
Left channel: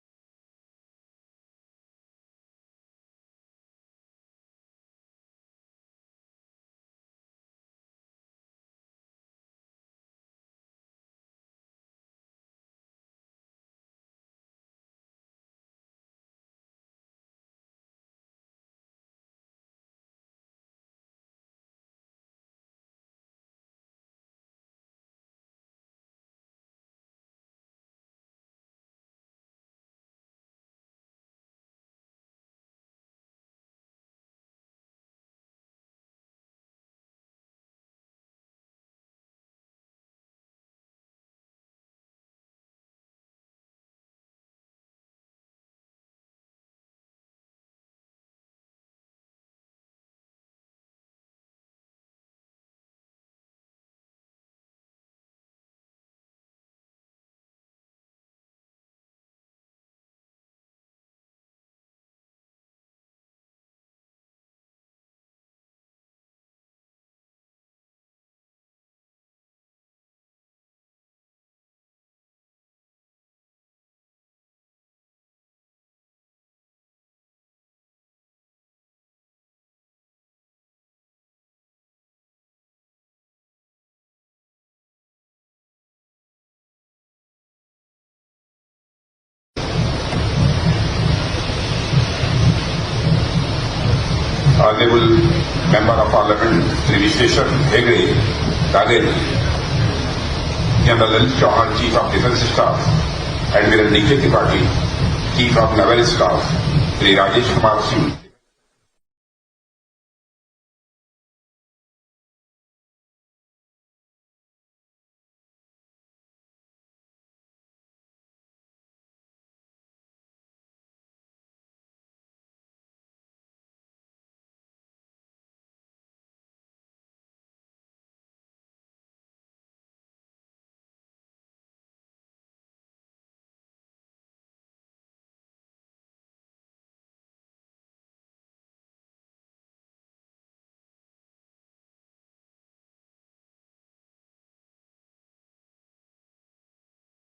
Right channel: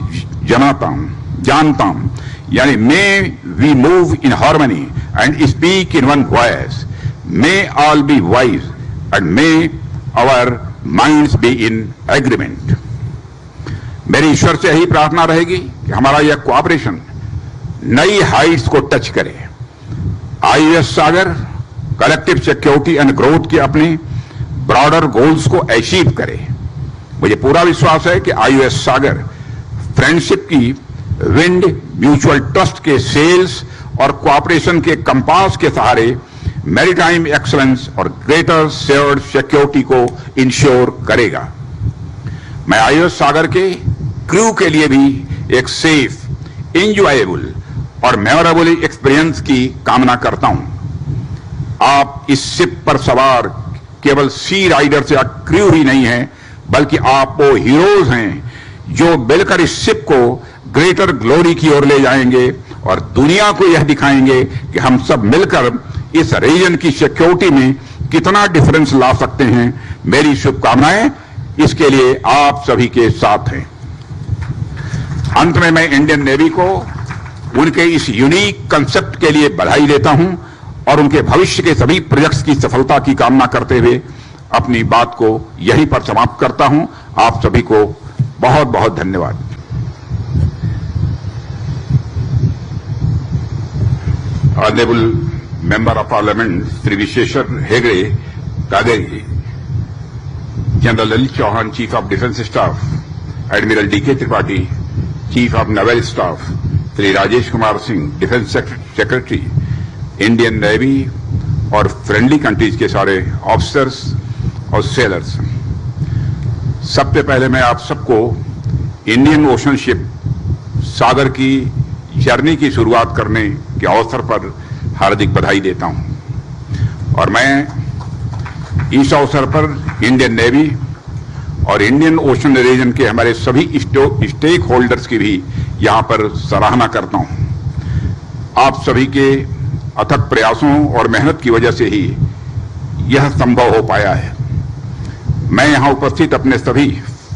जनाताम जानताम, यानी may we move in harmony and speak in one voice, may all be wise and may our minds be in agreement. मेरी ईश्वर से यही प्रार्थना रहेगी कि हमारा यह कोऑपरेशन नई हाइट्स को टच करे। IOS Sagar collective security and growth के अपने ब्रॉडर गोल्स को अचीव करे। मुझे पूरा विश्वास है कि आईओएस सागर फ्रेंडशिप की विंड, म्यूचुअल ट्रस्ट के सेल्स और कोऑपरेशन के कंपास के सहारे मैरीटाइम एक्सलेंस और ग्रेटर शेयर्ड सिक्योरिटी को इंश्योर करेगा। मैं आईओएस सागर के क्रू के लिए भी एक सेफ, इंजॉयबल और मेमोरेबल एक्सपीरियंस की कामना करता हूं। आप इस शिप पर सवार केवल सी राइडर्स या क्रू ही नहीं हैं, बल्कि आप वो हीरोज हैं जो मिलकर इस शिप को ग्रेटर ग्लोरी की ओर ले जाएंगे और दुनिया को यह दिखाएंगे कि हम सब मिलकर इस रीजन की सिक्योरिटी में कितना डिफरेंस ला सकते हैं। मेरी शुभकामनाएं इसके लिए आप सभी के साथ हैं। अंत में मैं इंडियन नेवी को उनके इस यूनिक कंसेप्ट के लिए बधाई देता हूं और उनके भविष्य के सभी प्रोजेक्ट्स की सफलता की कामना करते हुए अपनी बात को यहीं पर समाप्त करता हूं। आप सभी को बहुत बहुत धन्यवाद। Honorable Member of Parliament Sri Visheshwar Hegde, Kageri, General L. Chauhan, Chief of Defence Staff, Admiral D.K. Tripathi, Chief of Naval Staff, Sri Rajesh Kumar Singh, Defence Secretary, Indian Navy और फ्रेंडली कंट्रीज के सारे officers और sellers, सबसे पहले मैं आप सबको Indian ocean ship सागर की जर्नी की शुरुआत करने के अवसर पर हार्दिक बधाई देता हूं। और मैं इस अवसर पर इंडियन नेवी और इंडियन ओशन रीजन के हमारे सभी स्टेक होल्डर्स की भी यहां पर सराहना करता हूं। आप सभी के अथक प्रयासों और मेहनत की वजह से ही यह संभव हो पाया है। मैं यहां उपस्थित अपने सभी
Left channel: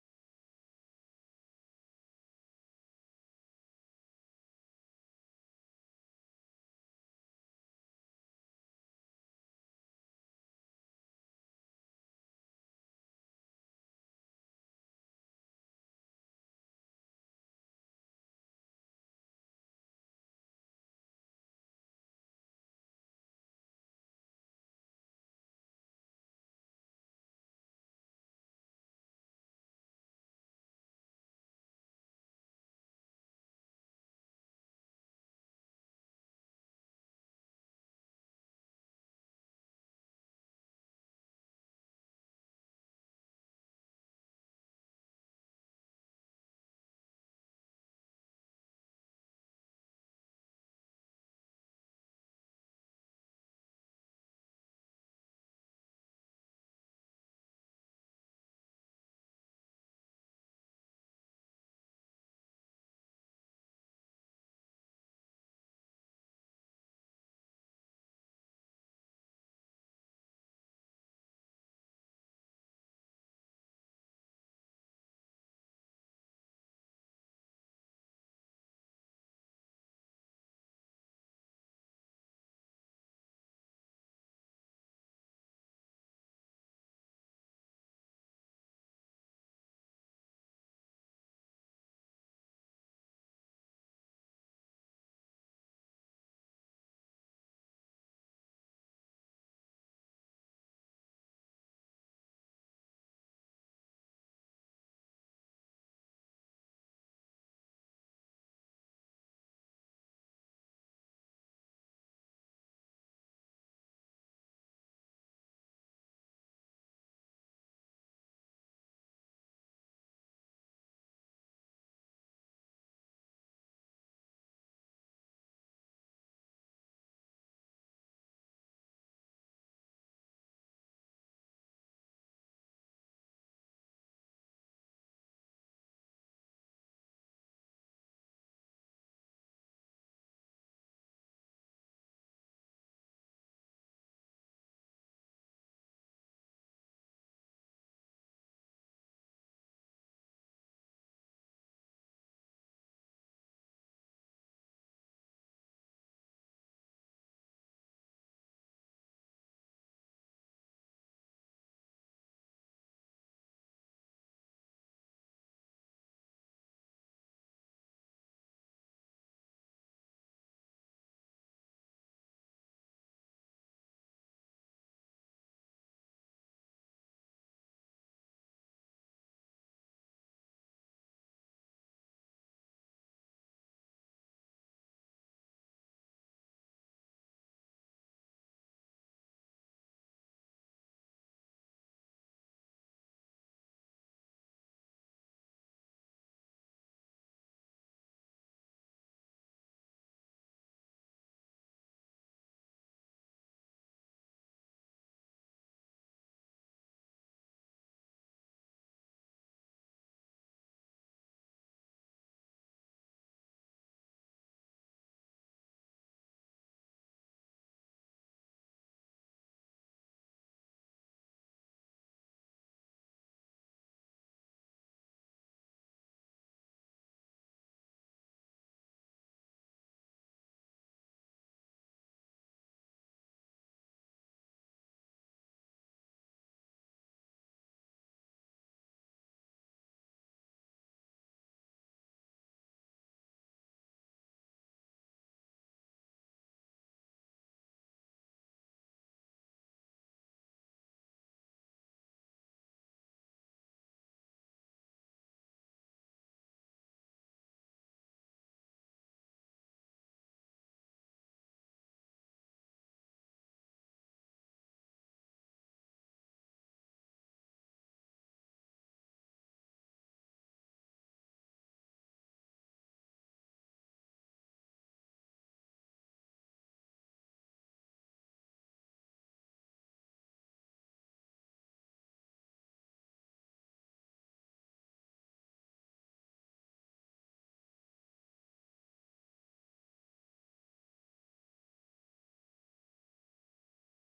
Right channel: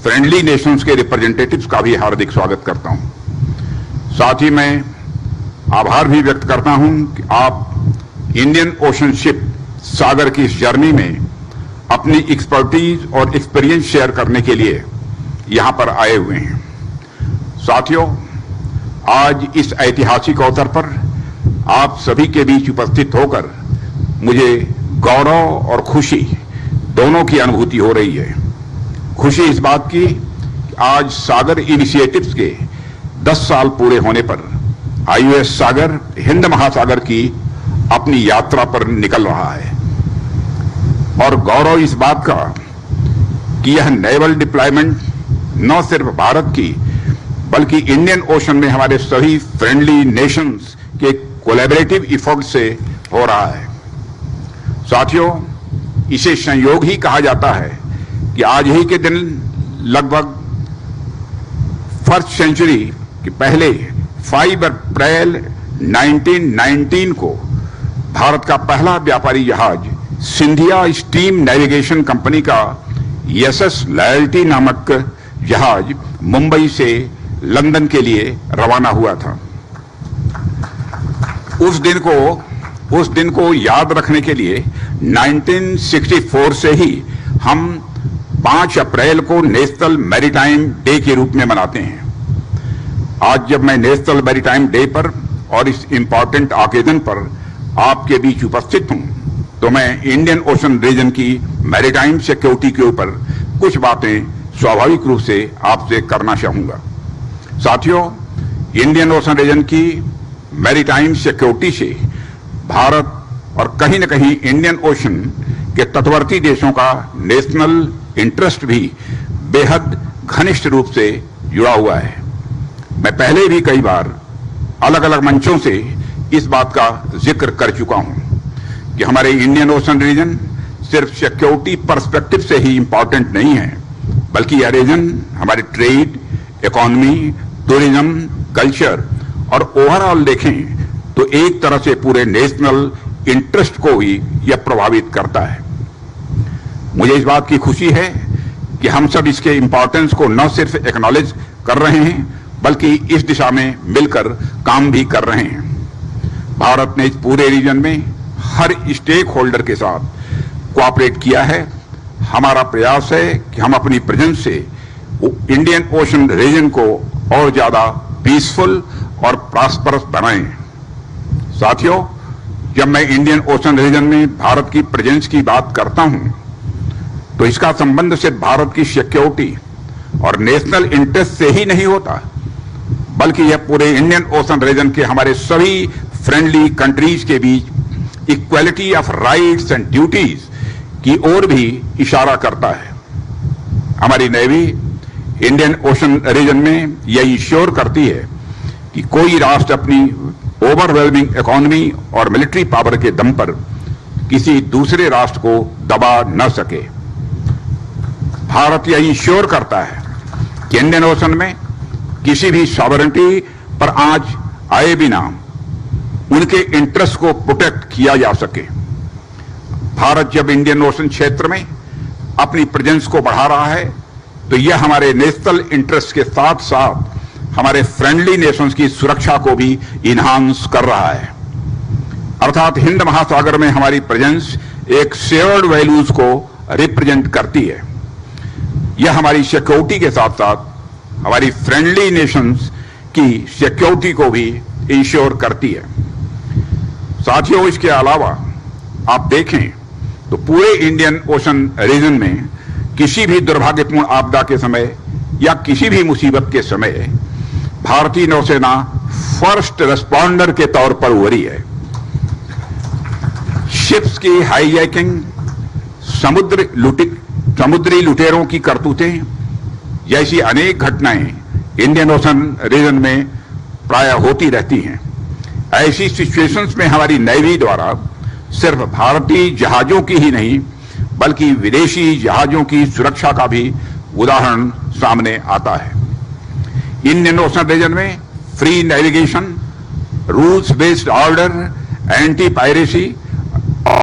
फ्रेंडली नेशंस के रिप्रेजेंटेटिव्स का भी हार्दिक स्वागत करता हूं। साथ ही मैं आभार भी व्यक्त करता हूं कि आप इंडियन ओशन शिप सागर की इस जर्नी में अपनी एक्सपर्टीज और एक्सपीरियंस शेयर करने के लिए यहां पर आए हुए हैं। साथियों, आज इस ऐतिहासिक अवसर पर आप सभी के बीच उपस्थित होकर मुझे गौरव और खुशी दोनों की अनुभूति हो रही है। खुशी इस बात की कि आज सागर इनिशिएटिव्स के 10 साल पूरे होने पर आईयूएस सागर हिंद महासागर की अपनी यात्रा पर निकल रहा है, और गौरव इस बात का कि यह नेवल डिप्लॉयमेंट न सिर्फ भारत की बल्कि इंडियन ओशन में हमारे सभी फ्रेंडली नेशंस के कोलैबोरेटिव एफर्ट से हो रहा है। साथियों, इसे संयोग ही कहा जाता है कि आज ही के दिन लगभग फर्स्ट सेंचुरी के पहले 5 अप्रैल 1919 को भारत का पहला व्यापारी जहाज सिंधिया स्टीम नेविगेशन कंपनी का एसएस लॉयल्टी नामक जहाज मुंबई से लंदन के लिए रवाना हुआ था। उस दिन को याद रखने के लिए 1964 से ही हम 5 अप्रैल को नेशनल मैरीटाइम डे के रूप में मनाते हैं। आज जब मैं नेशनल मैरीटाइम डे पर और इस इंपॉर्टेंट ओकेजन पर आपके बीच उपस्थित हूं, तो मैं इंडियन ओशन रीजन की मैरीटाइम सिक्योरिटी के ऊपर कुछ बातें स्वाभाविक रूप से आपसे करना चाहूंगा। साथियों, इंडियन ओशन रीजन की मैरीटाइम सिक्योरिटी से भारत और कहीं न कहीं इंडियन ओशन के तटवर्ती देशों का नेशनल इंटरेस्ट भी बेहद घनिष्ठ रूप से जुड़ा हुआ है। मैं पहले भी कई बार अलग अलग मंचों से इस बात का जिक्र कर चुका हूं कि हमारे इंडियन ओशन रीजन सिर्फ सिक्योरिटी पर्सपेक्टिव से ही इंपॉर्टेंट नहीं है, बल्कि यह रीजन हमारे ट्रेड, इकोनॉमी, टूरिज्म, कल्चर और ओवरऑल देखें तो एक तरह से पूरे नेशनल इंटरेस्ट को ही यह प्रभावित करता है। मुझे इस बात की खुशी है कि हम सब इसके इंपॉर्टेंस को न सिर्फ एक्नॉलेज कर रहे हैं बल्कि इस दिशा में मिलकर काम भी कर रहे हैं। भारत ने इस पूरे रीजन में हर स्टेक होल्डर के साथ कोऑपरेट किया है। हमारा प्रयास है कि हम अपनी प्रेजेंस से इंडियन ओशन रीजन को और ज्यादा पीसफुल और प्रॉस्परस बनाएं। साथियों, जब मैं इंडियन ओशन रीजन में भारत की प्रेजेंस की बात करता हूं, तो इसका संबंध सिर्फ भारत की सिक्योरिटी और नेशनल इंटरेस्ट से ही नहीं होता, बल्कि यह पूरे इंडियन ओशन रीजन के हमारे सभी फ्रेंडली कंट्रीज के बीच equality of rights and duties की ओर भी इशारा करता है। हमारी नेवी इंडियन ओशन रीजन में यह इंश्योर करती है कि कोई राष्ट्र अपनी ओवरवेलमिंग इकोनॉमी और मिलिट्री पावर के दम पर किसी दूसरे राष्ट्र को दबा न सके। भारत यह इंश्योर करता है कि इंडियन ओशन में किसी भी सॉवरेनिटी पर आंच आए बिना उनके इंटरेस्ट को प्रोटेक्ट किया जा सके। भारत जब इंडियन ओशन क्षेत्र में अपनी प्रेजेंस को बढ़ा रहा है, तो यह हमारे नेशनल इंटरेस्ट के साथ साथ हमारे फ्रेंडली नेशंस की सुरक्षा को भी इन्हांस कर रहा है। अर्थात हिंद महासागर में हमारी प्रेजेंस एक शेयर्ड वैल्यूज को रिप्रेजेंट करती है। यह हमारी सिक्योरिटी के साथ साथ हमारी फ्रेंडली नेशंस की सिक्योरिटी को भी इंश्योर करती है। साथियों, इसके अलावा आप देखें तो पूरे इंडियन ओशन रीजन में किसी भी दुर्भाग्यपूर्ण आपदा के समय या किसी भी मुसीबत के समय भारतीय नौसेना फर्स्ट रेस्पॉन्डर के तौर पर उभरी है। शिप्स की हाईजैकिंग, समुद्री लुटेरों की करतूतें जैसी अनेक घटनाएं इंडियन ओशन रीजन में प्रायः होती रहती हैं। ऐसी सिचुएशंस में हमारी नेवी द्वारा सिर्फ भारतीय जहाजों की ही नहीं बल्कि विदेशी जहाजों की सुरक्षा का भी उदाहरण सामने आता है। इंडियन ओशन रीजन में free navigation, rules based order, anti piracy